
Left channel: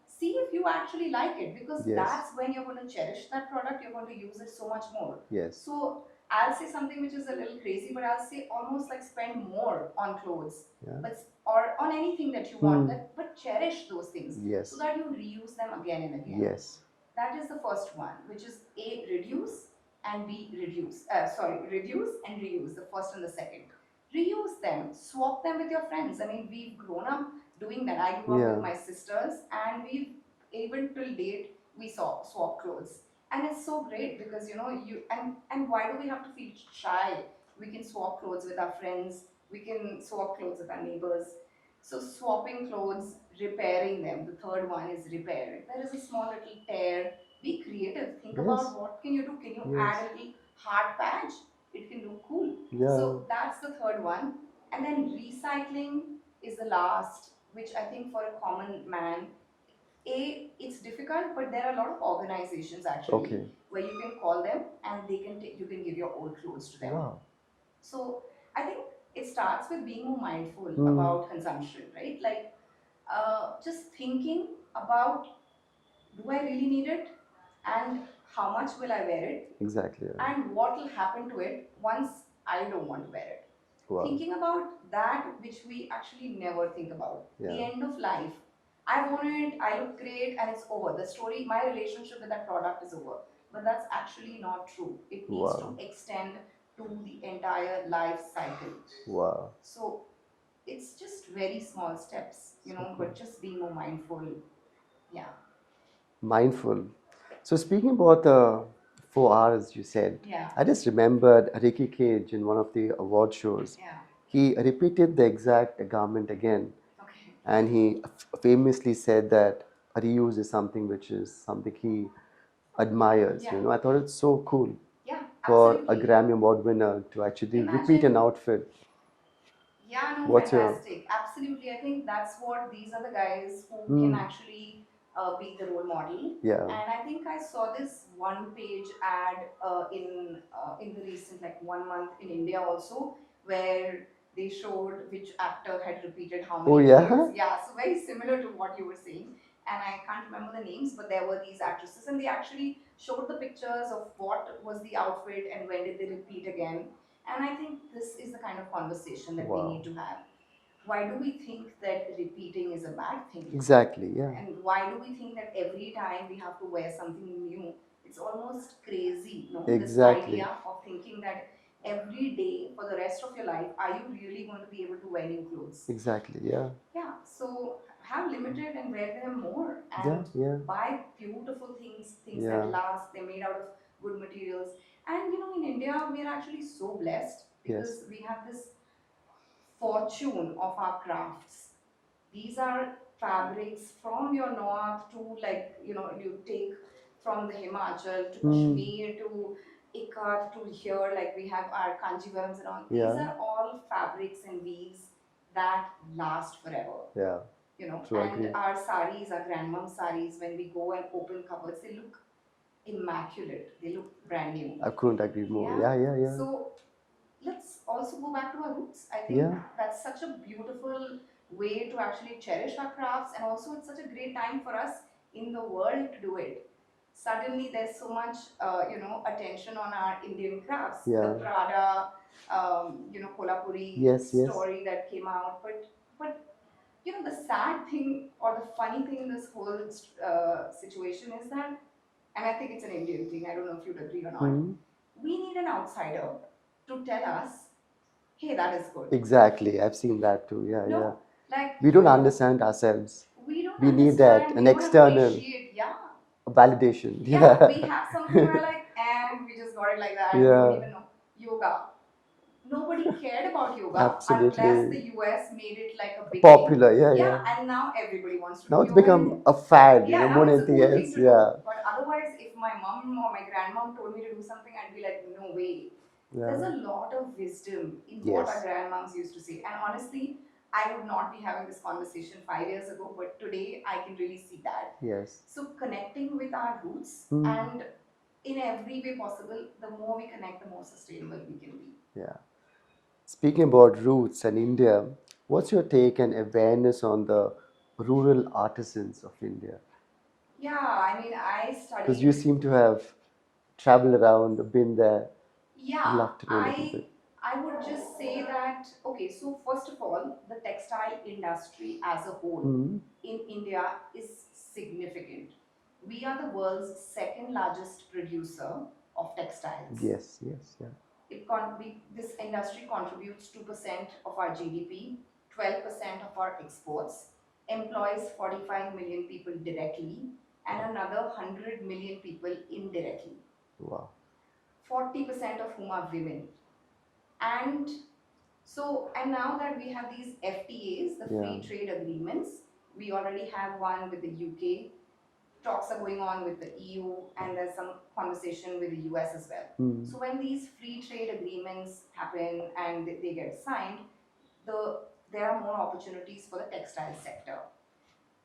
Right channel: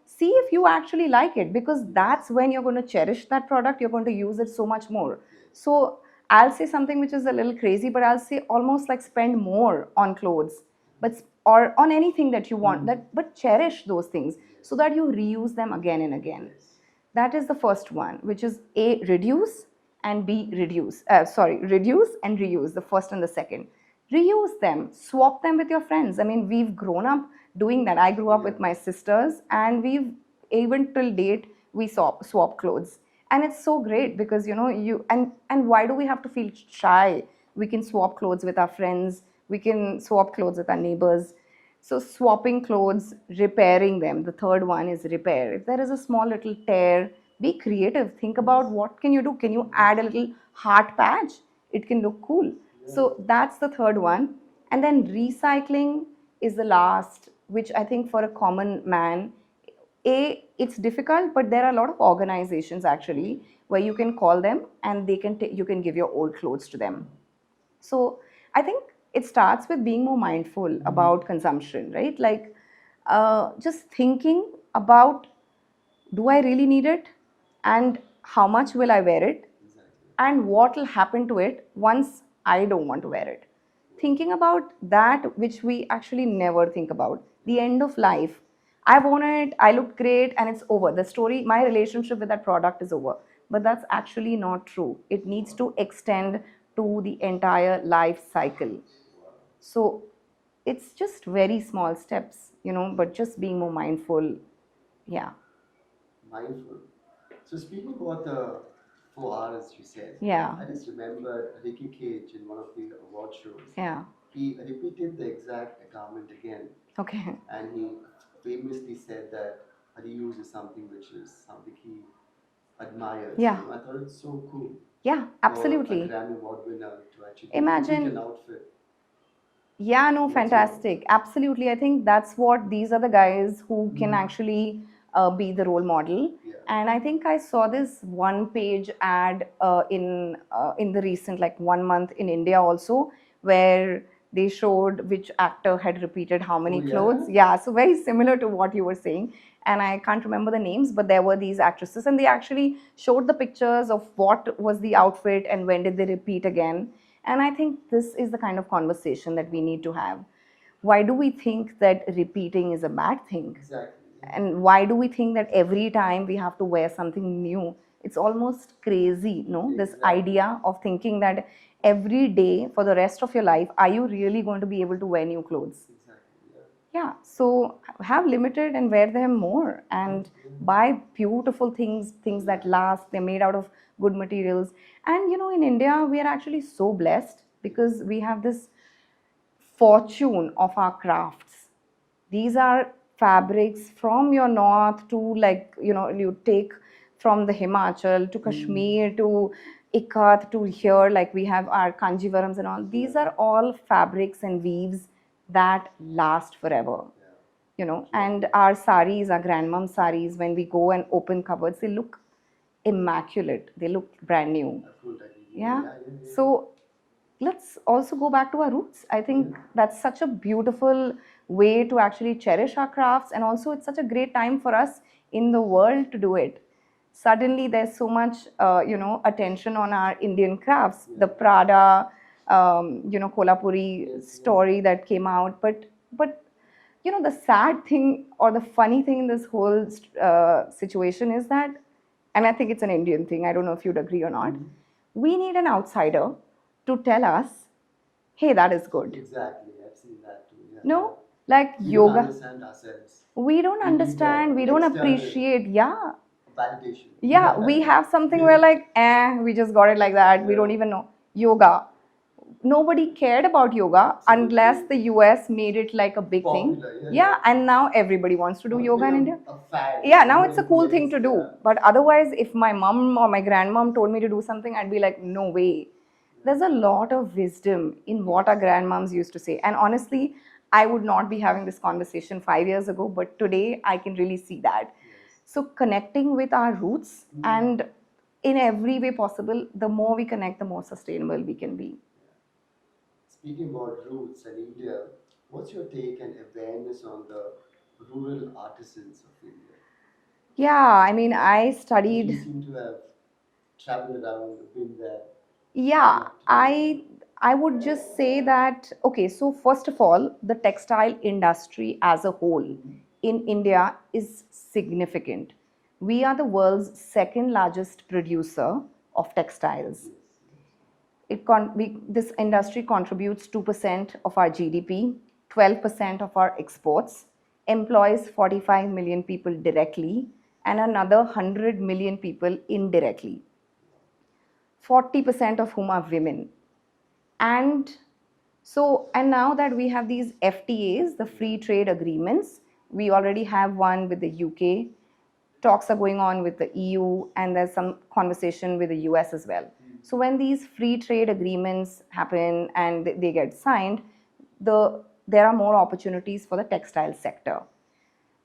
see if you actually like it, because Yes. that's when you're going to cherish that product, you're going to use it so much more. Yes. So I'll say something which is a little crazy, but I'll say almost like spend more on clothes, Yeah. but or on anything that you want, Hmm. that but cherish those things Yes. so that you reuse them again and again. Yes. That is the first one, which is A, reduce, and B, reduce and reuse, the first and the second. Reuse them, swap them with your friends. I mean, we've grown up doing that. I grew up with Yeah. my sisters, and we've, even till date, we swap clothes. And it's so great because, and why do we have to feel shy? We can swap clothes with our friends, we can swap clothes with our neighbors. So swapping clothes, repairing them. The third one is repair. If there is a small little tear, be creative. Think about Yes. what can you do. Can you add Yes. a little heart patch? It can look cool. Yeah. So that's the third one. And then recycling is the last, which I think for a common man, it's difficult, but there are a lot of organizations actually Okay. where you can call them and you can give your old clothes to them. Wow. So I think it starts with being more mindful Hmm. about consumption, right? Like just thinking about, do I really need it? And how much will I wear it? Exactly. Yeah. And what will happen to it once I don't want to wear it? Wow. Thinking about that, which we actually never think about, the Yeah. end of life. I've worn it, I look great, and it's over. The story, my relationship with that product is over. But that's actually not true. It needs to Wow. extend to the entire life cycle. Wow. So it's just very small steps, Super. but just being more mindful. Yeah. Mindful. So speaking about the 4 R's you said, Yeah. I just remembered Ricky Cage in one of the award shows. Yeah. He repeated the exact garment again, Okay. and he famously said that reuse is something which is something he admires. Yeah. I thought it's so cool Yeah, for a absolutely. Grammy Award winner to actually repeat an Imagine. outfit. Yeah, no, What's your fantastic. Absolutely. I think that's what these are the guys who can hmm, actually be the role model. yeah, And I think I saw this one page ad in the recent, like, 1 month in India also, where they showed which actor had repeated how oh many clothes. yeah, Yeah, so very similar to what you were saying. And I can't remember the names, but there were these actresses, and they actually showed the pictures of what was the outfit and when did they repeat again. And I think this is the kind of conversation that we wow, need to have. Why do we think that repeating is a bad thing? exactly, yeah, And why do we think that every time we have to wear something new? It's almost crazy, no? This exactly, idea of thinking that every day for the rest of your life, are you really going to be able to wear new clothes? exactly, yeah, Yeah, so have limited and wear them more, yeah, and yeah, buy beautiful things that yeah, last. They're made out of good materials. And in India, we are actually so blessed yes, because we have this fortune of our crafts. These are fabrics from your north to, like, you take from the Himachal to hmm, Kashmir to Ikat to here, like we have our Kanjivarams and all. These yeah, are all fabrics and weaves that last forever. yeah, true, I And agree. our saris, our grandmom saris, when we go and open cupboards, they look immaculate. They look brand new. I couldn't agree more. Yeah. Yeah, yeah, yeah, So let's also go back to our roots. I think yeah, that's such a beautiful way to actually cherish our crafts, and also it's such a great time for us in the world to do it. Suddenly, there's so much, attention on our Indian crafts. The yeah, Prada, Kolhapuri yes, yes, story that came out, but the sad thing or the funny thing in this whole situation is that, and I think it's an Indian thing, I don't know if you'd agree or not, hmm, we need an outsider to tell us Hey, that is good. Exactly. I've seen that too. Yeah, yeah. No, like We don't yoga, understand ourselves. we don't We need that, understand, we an don't external appreciate. Yeah, validation. yeah, Yeah. we have something where like, we just got it like that. We don't Yeah, even know. Yoga. Nobody cared about yoga unless the absolutely. US made it like a big thing. Popular. Yeah, Yeah, yeah. and now everybody wants to do Now it's yoga in India. become a fad, Yeah, now more it's than a anything cool thing else. to do. Yeah, But otherwise, if my mom or my grandmom told me to do something, I'd be like, no way. yeah. There's a lot of wisdom in what our Yes, grandmoms used to say. And honestly, I would not be having this conversation 5 years ago, but today I can really see that. yes. So, connecting with our roots Hmm. and in every way possible, the more we connect, the more sustainable we can be. Yeah. Speaking about roots and India, what's your take and awareness on the rural artisans of India? Yeah, I mean, I Because you studied. seem to have traveled around, been there. Would Yeah, love to know a little I bit. I would just say that okay, so first of all, the textile industry as a whole Hmm. in India is significant. We are the world's second largest producer of textiles. Yes, yes, yeah. This industry contributes 2% of our GDP, 12% of our exports, employs 45 million people directly, and another 100 million people indirectly, Wow. 40% of whom are women. And and now that we have these FTAs, the Yeah. free trade agreements, we already have one with the UK. Talks are going on with the EU, and there's some conversation with the US as well. Hmm. So when these free trade agreements happen and they get signed, there are more opportunities for the textile sector.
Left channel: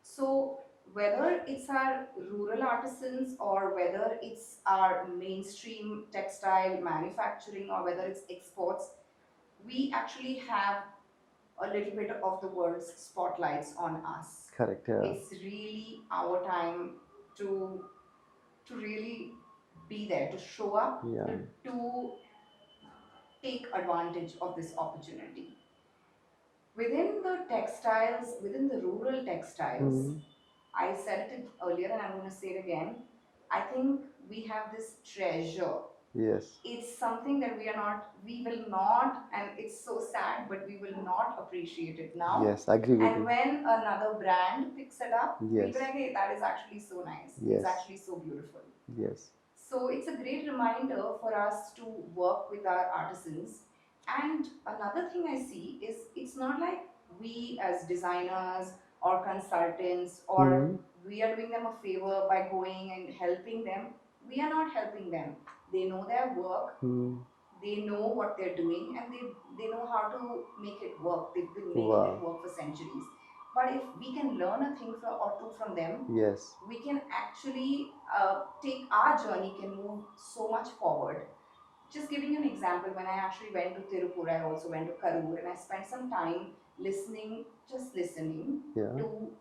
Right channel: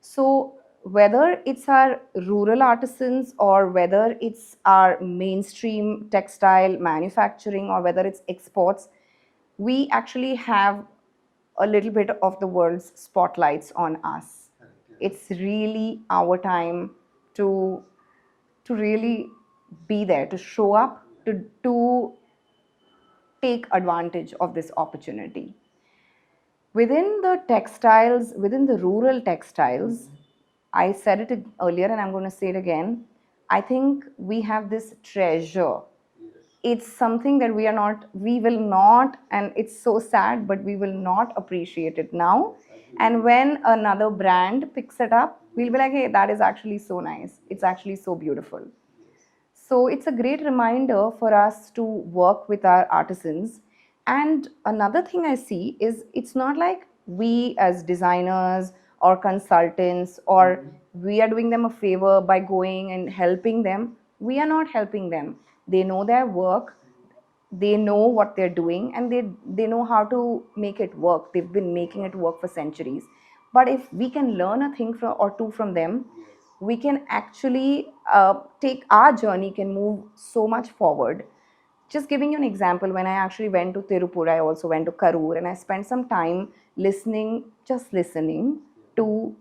So whether it's our rural artisans or whether it's our mainstream textile manufacturing or whether it's exports, we actually have a little bit of the world's spotlights on us. Correct, yeah. It's really our time to really be there, to show up, Yeah. to take advantage of this opportunity. Within the textiles, within the rural textiles, Hmm. I said it earlier and I'm going to say it again. I think we have this treasure. Yes. It's something that we will not, and it's so sad, but we will not appreciate it now. Yes, I agree with And you. when another brand picks it up, we'll be Yes, like, hey, that is actually so nice. It's yes, actually so beautiful. yes. So it's a great reminder for us to work with our artisans. And another thing I see is it's not like we as designers or consultants or Hmm. we are doing them a favor by going and helping them. We are not helping them. They know their work, Hmm. they know what they're doing, and they know how to make it work. They've been making it Wow. work for centuries. But if we can learn a thing or two from them, Yes. we can actually take our journey can move so much forward. Just giving you an example, when I actually went to Tirupur, I also went to Karur, and I spent some time listening Yeah. to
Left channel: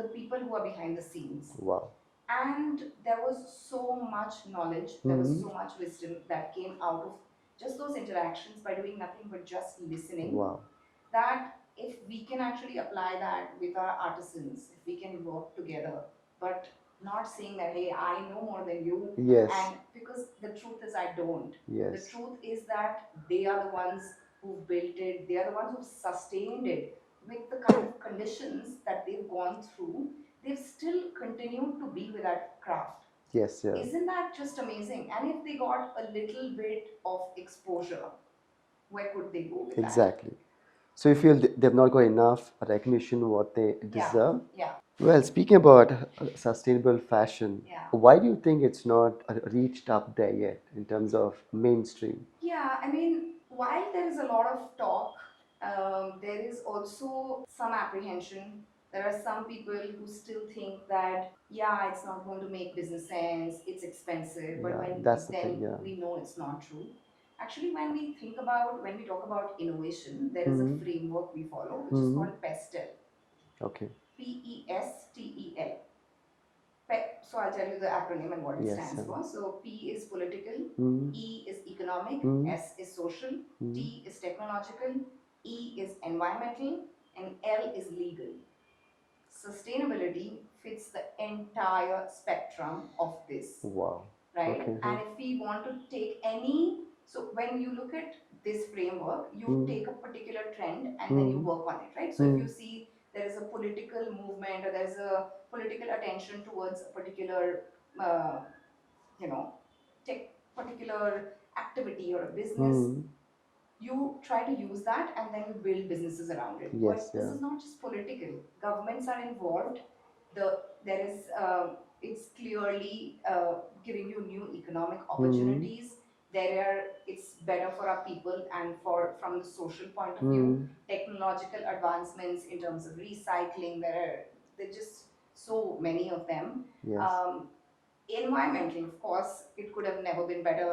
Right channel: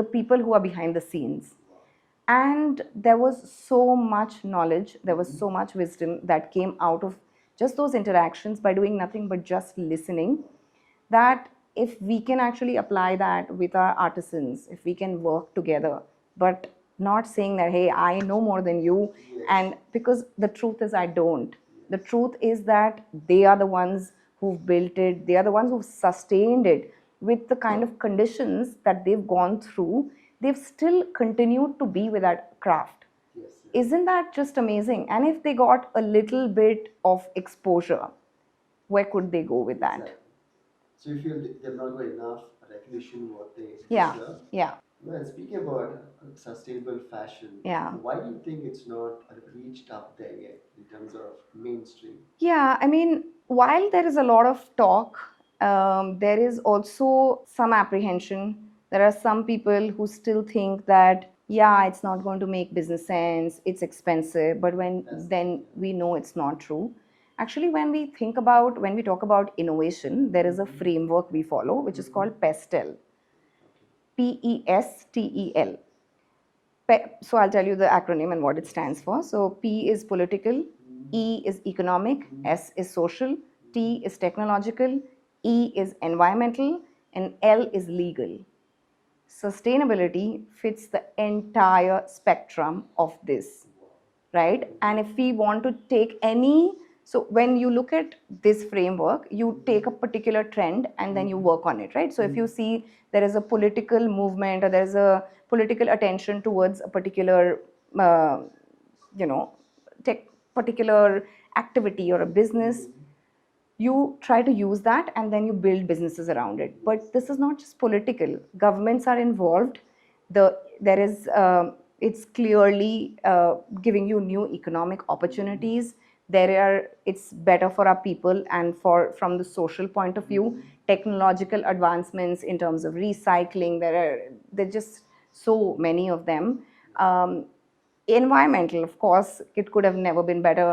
the people who are behind the scenes. Wow. And there was so much knowledge, there was Hmm. so much wisdom that came out of just those interactions by doing nothing but just listening, Wow. that if we can actually apply that with our artisans, if we can work together, but not saying that, hey, I know more than you, Yes. and because the truth is I don't. The Yes. truth is that they are the ones who've built it, they are the ones who've sustained it with the kind of conditions that they've gone through. They've still continued to be with that craft. Yes. Yeah. Isn't that just amazing? And if they got a little bit of exposure, where could they go with that? Exactly. So you feel they've not got enough recognition what they Yeah, deserve? yeah, Well, speaking about sustainable fashion, yeah. why do you think it's not reached up there yet in terms of mainstream? Yeah, I mean, while there is a lot of talk, there is also some apprehension. There are some people who still think that, yeah, it's not going to make business sense, it's expensive. But Yeah, that's the thing. then Yeah. we know it's not true. Actually, when we talk about innovation, there is a Hmm. framework we follow, which is Hmm. called PESTEL, Okay. PESTEL. So I'll tell you the acronym and what it Yes. stands for. So P is political, Hmm. E is economic, Hmm. S is social, Hmm. T is technological, E is environmental, and L is legal. Sustainability fits the entire spectrum of this, Wow. right? Okay. And Huh. if we want to take any So when you look at this framework, you take a particular trend and then you work on it, right? So if you see there is a political movement or there's a political attention towards a particular, uh, you know, tech particular activity or a business, you try to use that and then you build businesses around it. Yes, But this yeah. is not just political. Governments are involved. There is it's clearly giving you new economic opportunities. There are It's better for our people and for from the social point of view. Technological advancements in terms of recycling. There just so many of them. Yes. Environmental, of course, it could have never been better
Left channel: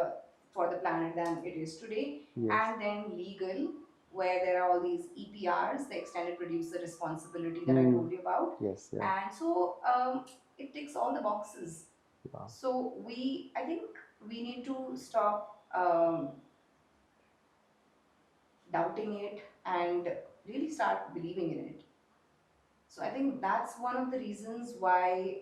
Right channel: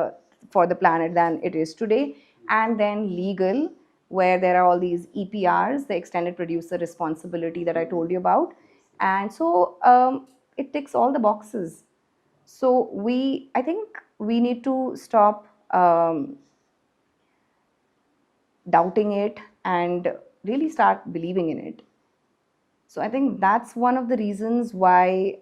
for the planet than it is today. Yes. And then legal, where there are all these EPRs, the extended producer responsibility that I told you about. Yes, yeah. And so it ticks all the boxes. Wow. So I think we need to stop doubting it and really start believing in it. So I think that's one of the reasons why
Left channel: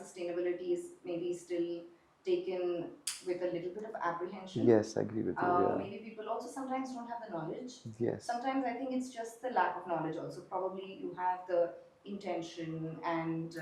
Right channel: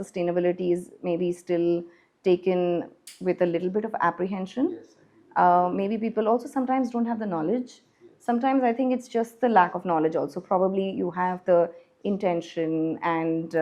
sustainability is maybe still taken with a little bit of apprehension. Yes, I agree with you. Yeah. Maybe people also sometimes don't have the knowledge. Yes. Sometimes I think it's just the lack of knowledge. Also, probably you have the intention and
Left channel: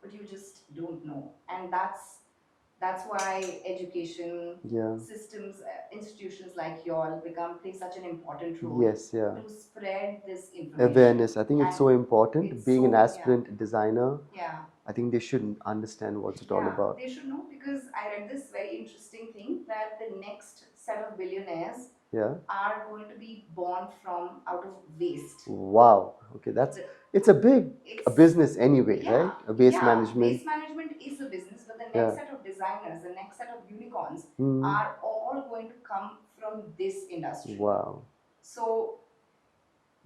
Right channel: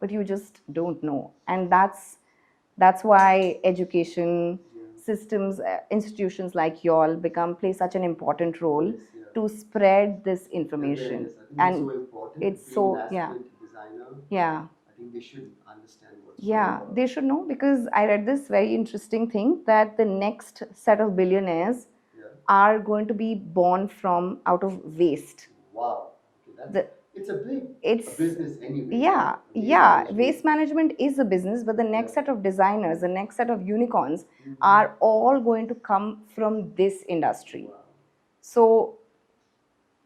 but you just don't know, and that's why education Yeah. systems, institutions like y'all play such an important role. Yes, yeah. To spread this information. Awareness. I think it's And so important. it's Being an so- aspirant designer, yeah I think they should understand what's it all yeah about. they should know, because I read this very interesting thing that the next set of billionaires Yeah. are going to be born from out of waste. Wow. Okay, that's The- it's a big a business anyway, Yeah, right? A waste yeah. management. Waste management is a business, but the next Yeah. set of designers, the next set of unicorns, are all going to come from this industry. Wow. So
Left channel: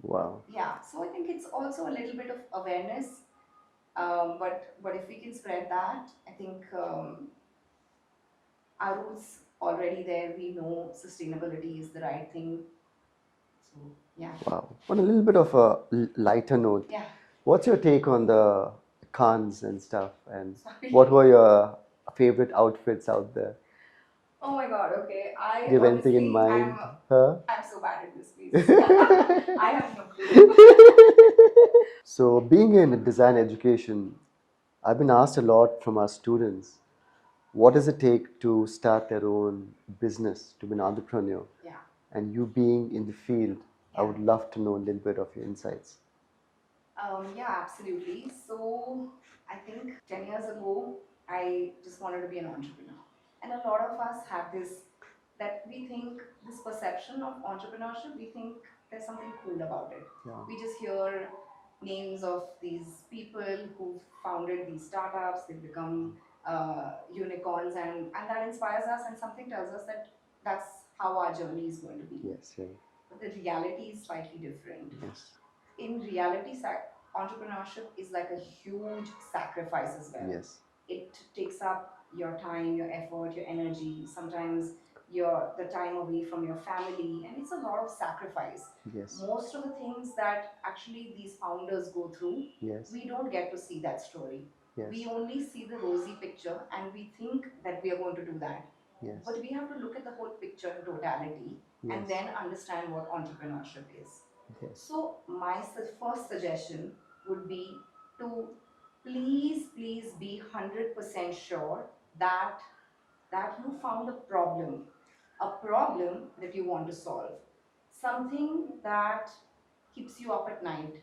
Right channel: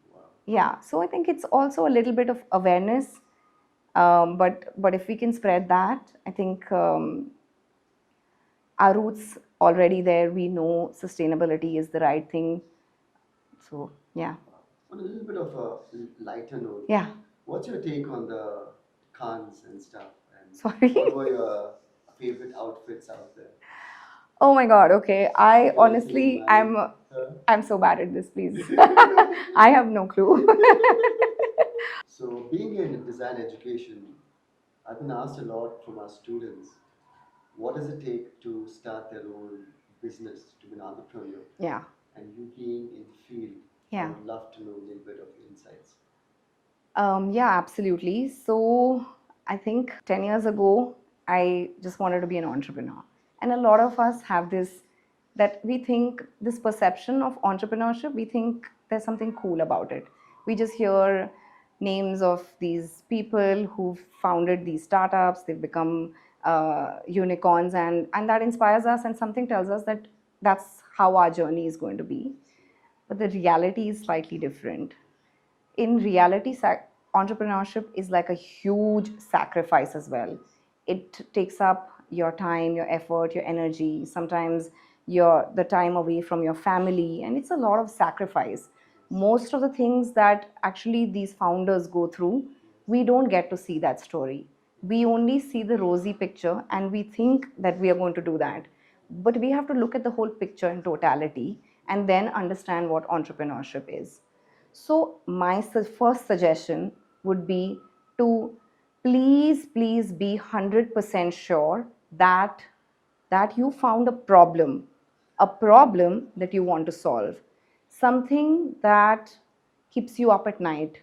Wow. yeah, so I think it's also a little bit of awareness, but if we can spread that, I think our roots already there. We know sustainability is the right thing. So yeah. Wow. On a little bit of a lighter note, Yeah. what's your take on the cons and stuff? And Sorry. what were your favorite outfits out there? Oh my God. Okay. I Do you have anything in honestly, mind? Huh? I'm so bad at this. Please. I have no clue. So, being in design education, I've been asked a lot from our students, what does it take to start their own business, to be an entrepreneur? Yeah. And you being in the field, I Yeah. would love to know a little bit of your insights. Yeah, absolutely. So I think 10 years ago, I just wanted to be an entrepreneur. And a lot of us have that we think this perception of entrepreneurship, we think there's something cool about it. Yeah. We just hear names of these people who've founded these startups, they've become unicorns, and that inspires us, and something tells us that that's how our journey is going to be. Yes, yeah. But the reality is slightly different. Yes. In reality, entrepreneurship is like a huge sacrifice as well. Yes. It takes up your time, your effort, your energy, sometimes the time away from your family, and it's a lot of sacrifice. Yes. Most of the things that actually these founders go through, Yes. we don't get to see that story. Yes. We only see the rosy picture and we think that we are going to do that. Yes. But we have to look at the whole picture in totality and Yes. then understand what entrepreneurship is. Okay. So my first suggestion would be to please be 100% sure that you found a problem that you want to solve, something that keeps you up at night,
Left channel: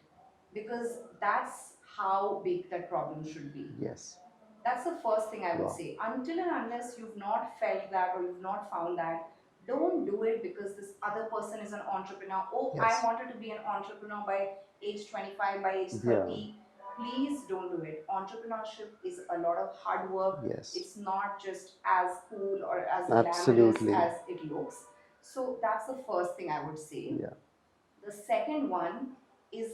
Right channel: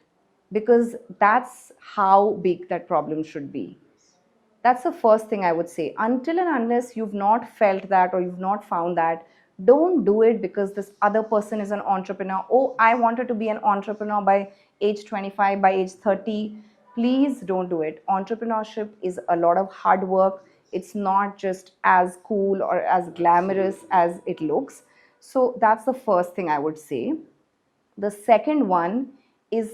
because that's how big that problem should be. Yes. That's the first thing I would Wow. say. Until and unless you've not felt that or you've not found that, don't do it because this other person is an entrepreneur. Oh, I Yes. wanted to be an entrepreneur by age 25, by age 30. Please don't do it. Entrepreneurship is a lot of hard work. Yes. It's not just as cool or as glamorous Absolutely. as it looks. So that's the first thing I would say. Yeah. The second one is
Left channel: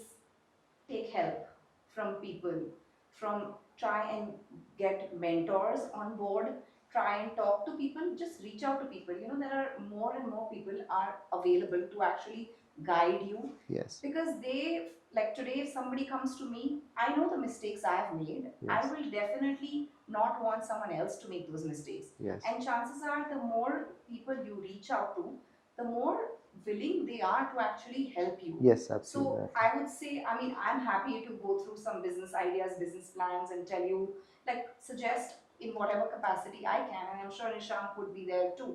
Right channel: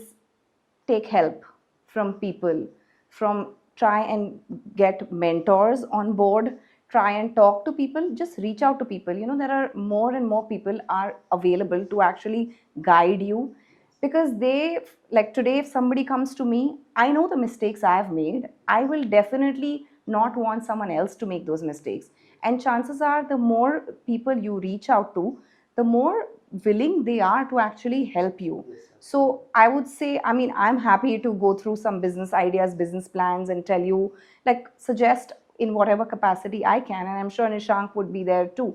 take help from people, from try and get mentors on board, try and talk to people, just reach out to people. There are more and more people are available to actually guide you. Yes. Because like today, if somebody comes to me, I know the mistakes I have made. I will definitely not want someone else to make those mistakes. Yes. And chances are, the more people you reach out to, the more willing they are to actually help you. Yes, absolutely. So I would say, I mean, I'm happy to go through some business ideas, business plans, and tell you, like, suggest in whatever capacity I can. And I'm sure Nishank would be there too.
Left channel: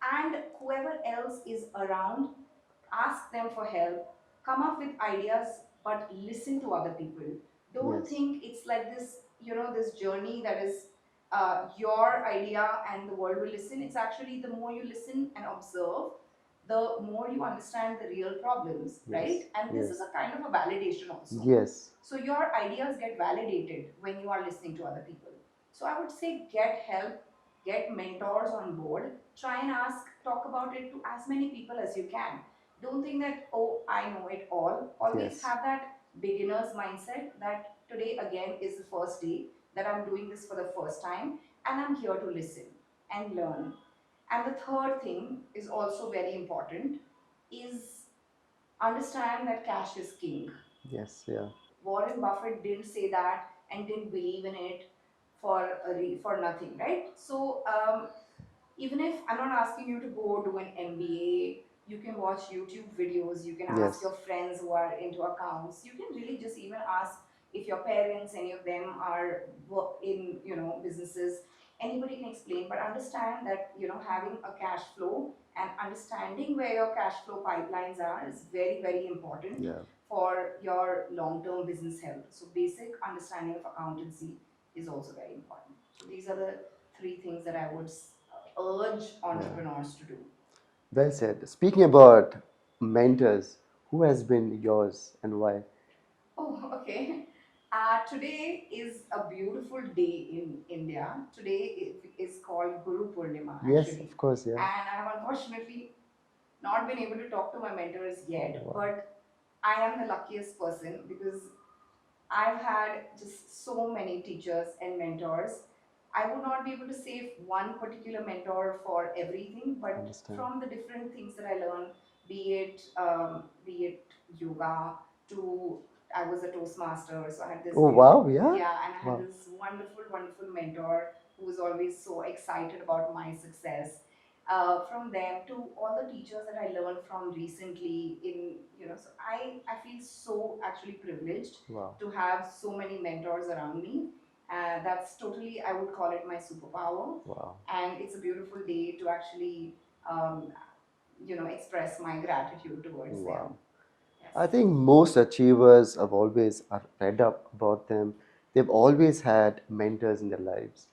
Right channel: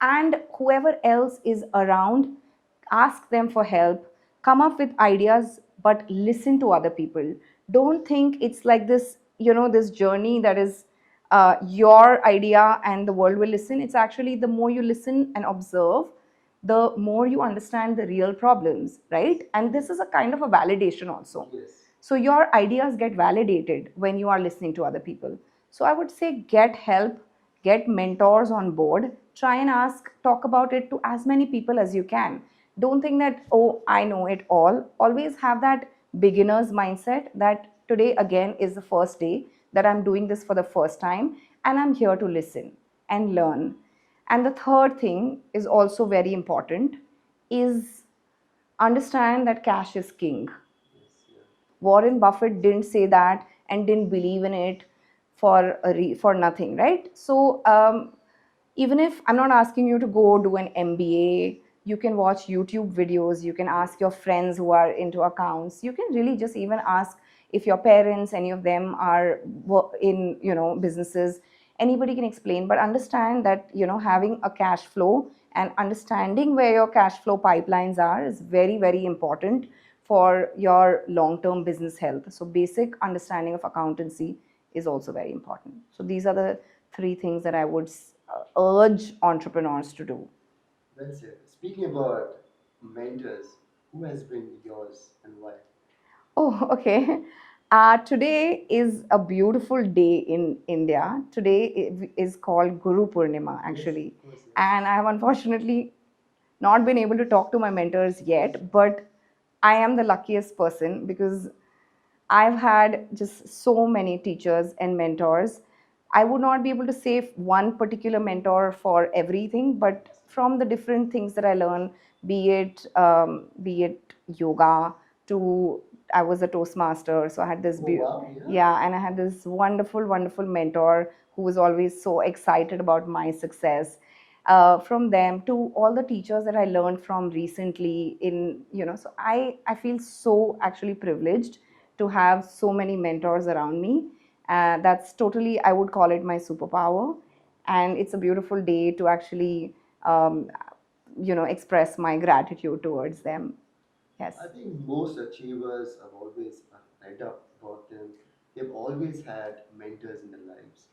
And whoever else is around, ask them for help, come up with ideas, but listen to other people. Don't Yes. think it's like this, this journey that is your idea and the world will listen. It's actually, the more you listen and observe, the more you understand the real problems, Yes. right? And this Yes. is a kind of a validation also. Yes. So your ideas get validated when you are listening to other people. So I would say, get help, get mentors on board, try and ask, talk about it to as many people as you can. Don't think that, oh, I know it all. Always Yes. have that beginner's mindset that today again is the first day that I'm doing this for the first time, and I'm here to listen and learn. And the third thing is also very important, is understand that cash is king. Yes. Yeah. Warren Buffett didn't say that and didn't believe in it for nothing, right? So even if I'm not asking you to go do an MBA, you can watch YouTube videos, you can ask Yes. your friends who are into accounts, you can really just even ask if your parents, any of them are in businesses, anybody can explain. But understand that having a cash flow and understanding where your cash flow pipelines are is very, very important Yeah. for your long term business health. So basic understanding of accountancy is also very important. So these are the three things that I would urge Yeah. entrepreneurs to do. Well said. Speaking about mentors, who has been yours and why? Oh, okay. Today is a beautiful day in India. Today is called Guru Purnima, Yes, actually. of course. Yeah. And I have unfortunately not been able to talk to my mentors yet, Wow. but I am the luckiest person because I've had just so many teachers and mentors. I would not be able to say one particular mentor for everything, but Understand. from the different things that I learn, be it yoga to, I was a Toastmaster, so I had this Oh wow. Yeah. yeah, and I had Wow. this wonderful, wonderful mentor who was always so excited about my success. From them to all the teachers that I learned from recently, so I feel so actually privileged Wow. to have so many mentors around me. That's totally, I would call it my superpower. Wow. And it's a beautiful day to actually, um, express my gratitude towards Wow. them. Yes. I think most achievers have always I've read up about them. They've always had mentors in their lives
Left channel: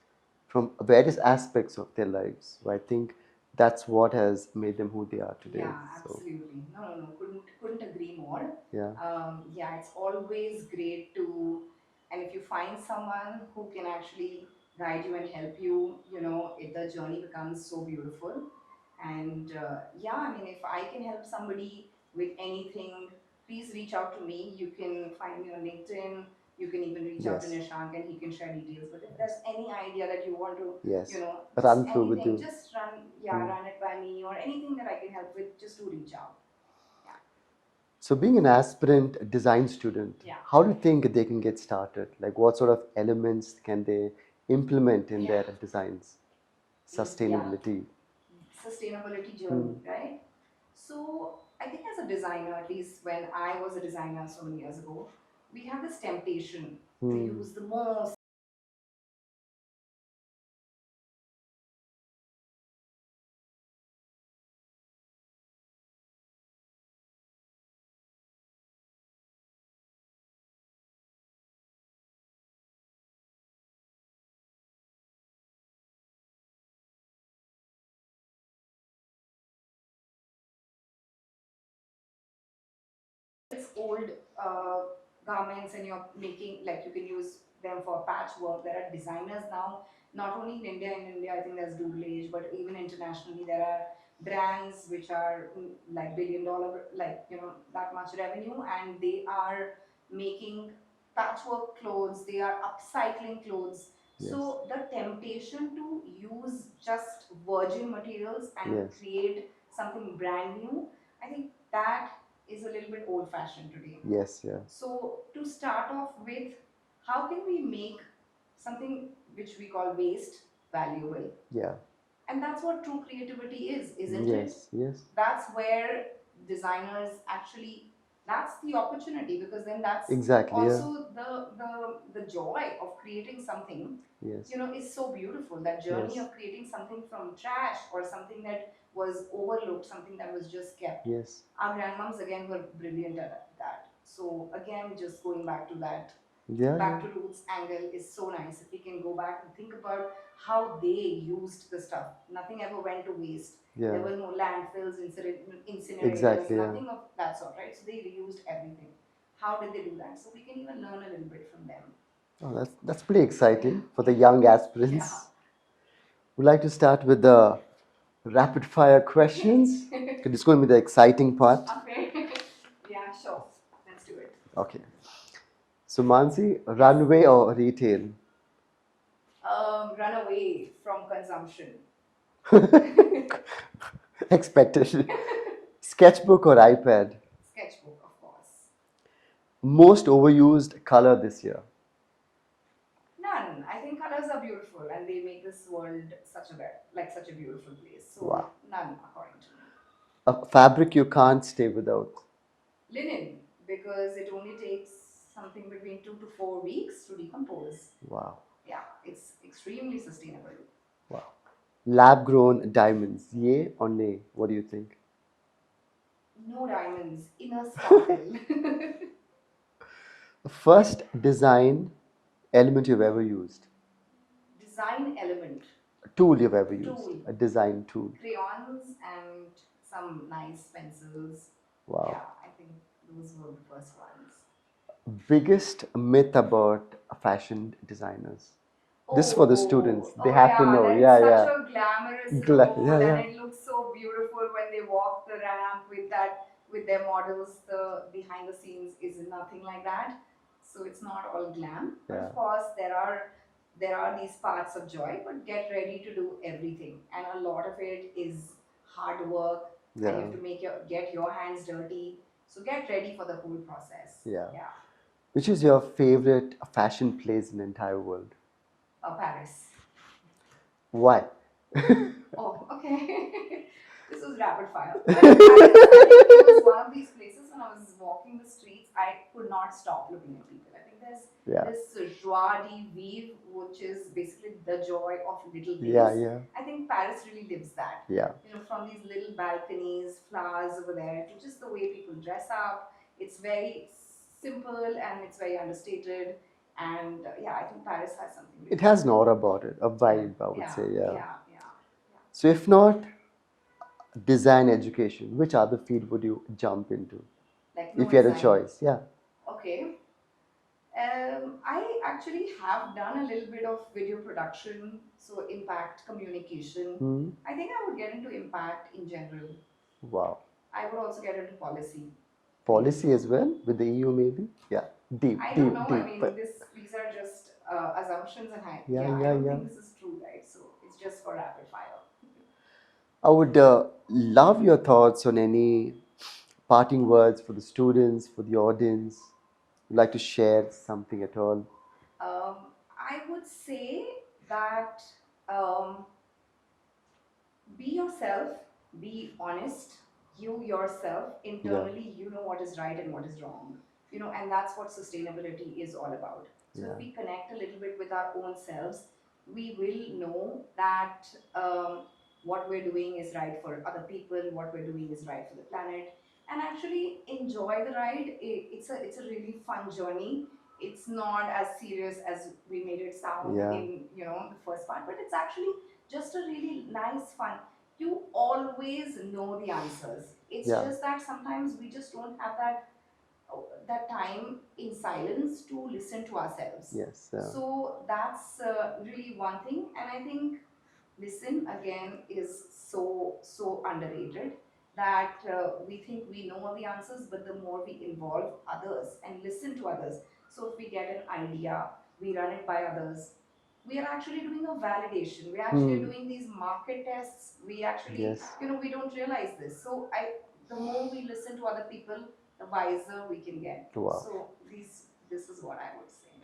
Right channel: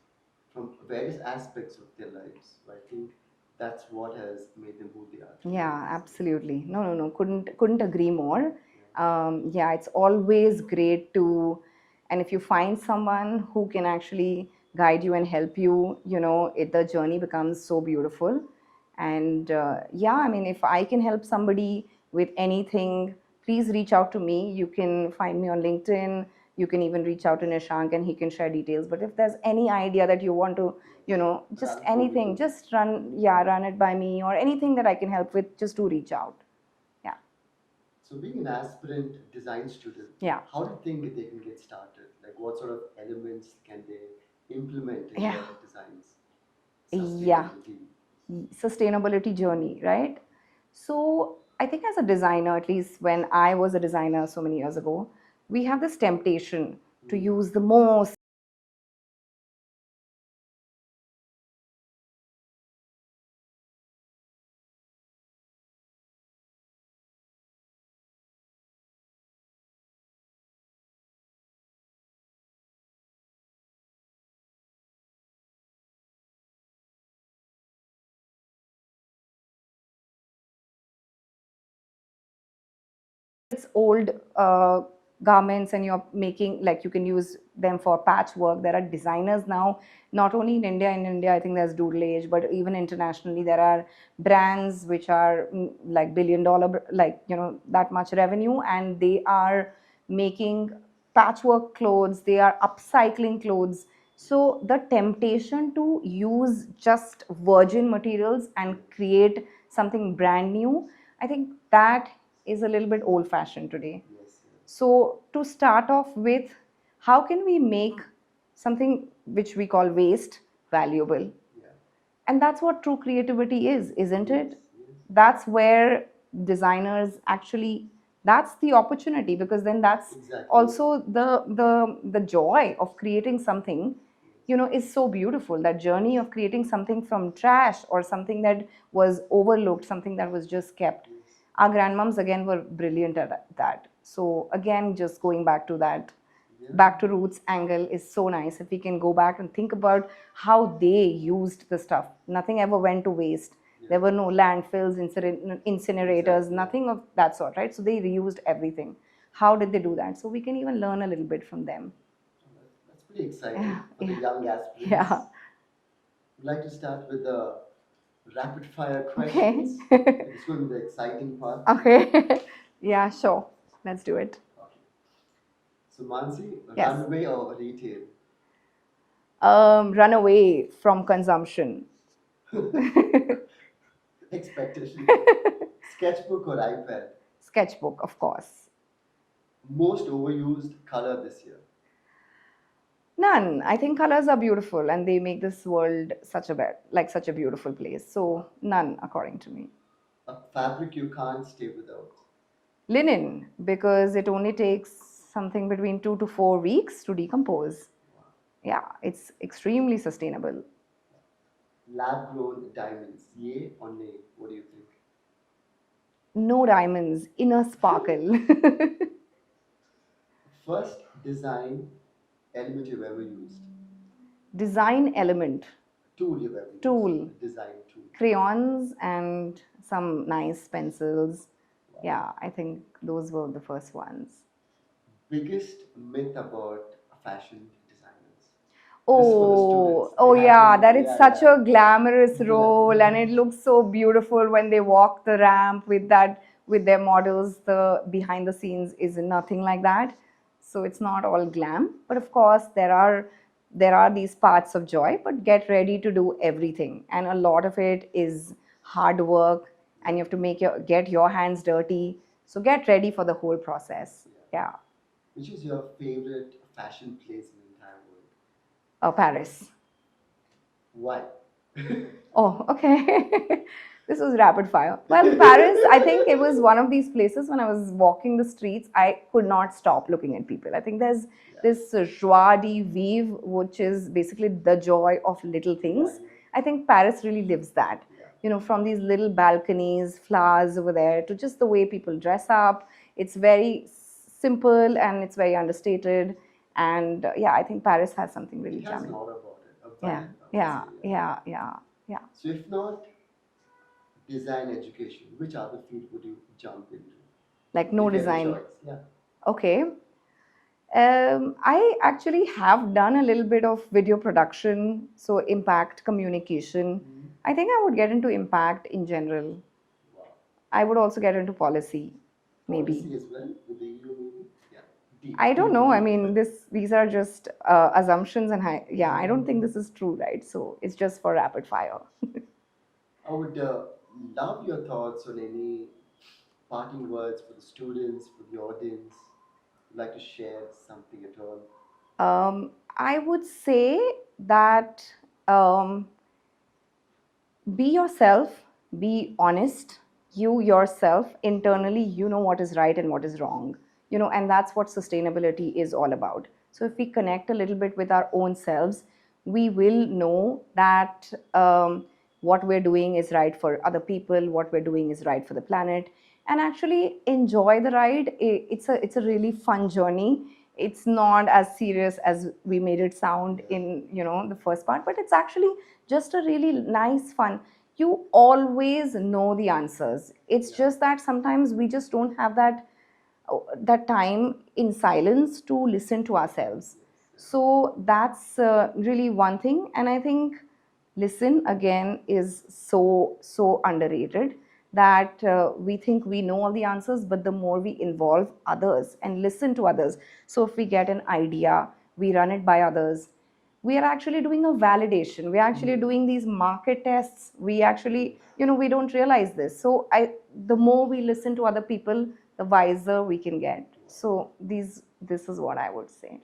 from various aspects of their lives. So I think that's what has made them who they are today. Yeah, So absolutely. No, no, no. Couldn't agree more. yeah. Yeah, it's always great to, and if you find someone who can actually guide you and help you, the journey becomes so beautiful. And yeah, I mean, if I can help somebody with anything, please reach out to me. You can find me on LinkedIn. You can even reach out to Yes. Nishank and he can share details. But if there's any idea that you want to, Yes. just Run through with anything, you. just run, yeah, Yeah. run it by me, or anything that I can help with, just do reach out. Yeah. So being an aspirant design student, Yeah. how do you think they can get started? Like what sort of elements can they implement in Yeah. their designs? Yeah. Sustainability. Sustainability Hmm. journey, right? So I think as a designer, at least when I was a designer so many years ago, we have this temptation to Hmm. use the most old garments, and you're making, like, you can use them for patchwork. There are designers now, not only in India, I think there's Doodle Age, but even internationally there are brands which are like $1 billion, like, that much revenue, and they are making patchwork clothes, they are upcycling clothes. Yes. So the temptation to use just virgin materials and Yes. create something brand new, I think that is a little bit old fashioned today. Yes. Yeah. So, to start off with, how can we make something which we call waste valuable. Yeah. And that's what true creativity is, isn't it? Yes. Yes. That's where designers actually, that's the opportunity, because then that's Exactly. Yeah. also the joy of creating something, Yes. is so beautiful. That journey Yes. of creating something from trash, or something that was overlooked, something that was just kept. Yes. Our grandmoms again were brilliant at that. So again, just going back to that, Yeah. back Yeah. to roots angle is so nice. If we can go back and think about how they used the stuff, nothing ever went to waste. There Yeah. were no landfills, incinerators, Exactly. Yeah. nothing of that sort, right? So they reused everything. How did they do that? So we can even learn a little bit from them. Oh, that's pretty exciting for the Yeah, young yeah. aspirants. We'd like to start with the rapid fire Okay. questions. Okay, this is going to be the exciting part. Okay. Yeah, sure. Let's do it. Okay. So, Mansi, Yes. runway or retail? Run away from consumption. Expected. Sketchbook or iPad? Sketchbook, of course. Most overused color this year? None. I think colors are beautiful and they make this world such a beautiful place. So Wow. none, according to me. A fabric you can't stay without? Linen, because it only takes something between 2 to 4 weeks to decompose. Wow. Yeah, it's extremely sustainable. Wow. Lab grown diamonds, yay or nay? What do you think? No diamonds, inner sparkle. First design element you've ever used? Design element, A tool you've ever used? tool, A design tool? crayons, and some nice pencils. Wow. Yeah, I think those were the first ones. Biggest myth about fashion designers? This is for the students. Oh, They oh have to yeah, know. that it's Yeah, such yeah. a glamorous role, Yeah, and yeah. it looks so beautiful when they walk the ramp with that, with their models. The behind the scenes is nothing like that. So it's not all glam, but Yeah. of course there are these parts of joy, but get ready to do everything, and a lot of it is hard work, and you Yeah. have to get your hands dirty. So get ready for the whole process. Yeah. Yeah. Which is your favorite fashion place in the entire world? Paris. Why? Oh, okay. This was rapid fire. Well, Paris, I think it was one of these places when I was walking the streets, I could not stop looking at people. I think there's Yeah. this joie de vivre, which is basically the joy of little things. Yeah, yeah. I think Paris really lives that. Yeah. From these little balconies, flowers over there, to just the way people dress up. It's very simple and it's very understated. And yeah, I think Paris has something really It has an charming. aura about it, a Yeah, vibe, I would yeah, say. Yeah. yeah, yeah, yeah. So, if not design education, which other field would you jump into Like no if you had a design. choice? Yeah. Okay. I actually have done a little bit of video production, so impact communication. Hmm. I think I would get into impact in general. Wow. I would also get into policy, maybe. Policy as well with the EU, maybe. Yeah. Deep, I don't deep, know. I deep. mean, these are just assumptions, and Yeah, I yeah, don't yeah. think this is true, right? So it's just for rapid fire. I would love your thoughts on any parting words for the students, for the audience. Would like to share something at all? I would say that um, be yourself, be honest. You yourself Yeah, internally, you know what is right and what is wrong. And that's what sustainability is all about. So if yeah, we connect a little bit with our own selves, we will know that what we're doing is right for other people, what we're doing is right for the planet, and actually enjoy the ride. It's a really fun journey. It's not as serious as we made it sound yeah, in the first part, but it's actually just a really nice fun. You always know the answers. It's yeah. just that sometimes we just don't have that time in silence to listen to ourselves. Yes. So that's really one thing. And I think listen again is so underrated, that we think we know all the answers, but the more we involve others and listen to others. So if we get an idea, we run it by others, we are actually doing a validation, we're actually Hmm. doing these market tests. We actually, Yes. we don't realize this. So the more we listen to other people, the wiser we can get. Wow. So this is what I would say.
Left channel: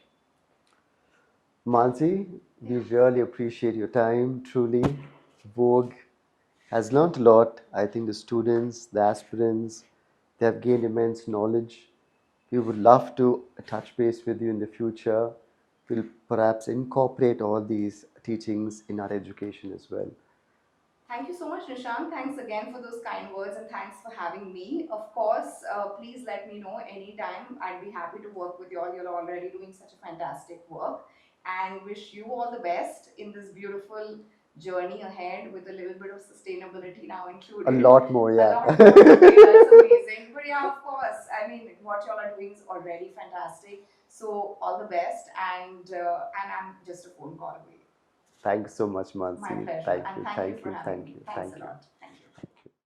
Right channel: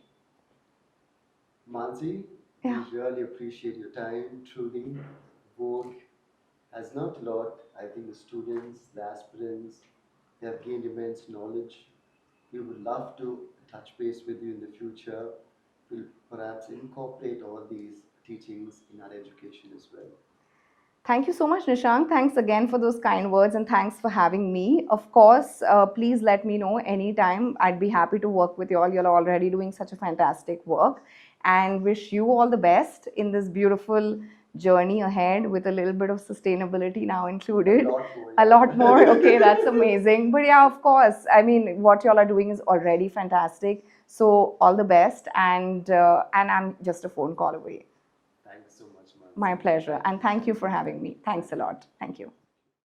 Mansi, we Yeah. really appreciate your time. Truly, Vogue has learnt a lot. I think the students, the aspirants, they have gained immense knowledge. We would love to touch base with you in the future. We'll perhaps incorporate all these teachings in our education as well. Thank you so much, Nishant. Thanks again for those kind words and thanks for having me. Of course, please let me know anytime. I'd be happy to work with you all. You're already doing such a fantastic work and wish you all the best in this beautiful journey ahead with a little bit of sustainability now A included. lot more, A yeah. lot more. Okay, that's amazing. But yeah, of course. I mean, what y'all are doing is already fantastic. So all the best, and I'm just a phone call away. Thanks so much, My Mansi. pleasure. Thank And you, thank you thank for you, having thank me. you, Thanks thank a you. lot. Thank you.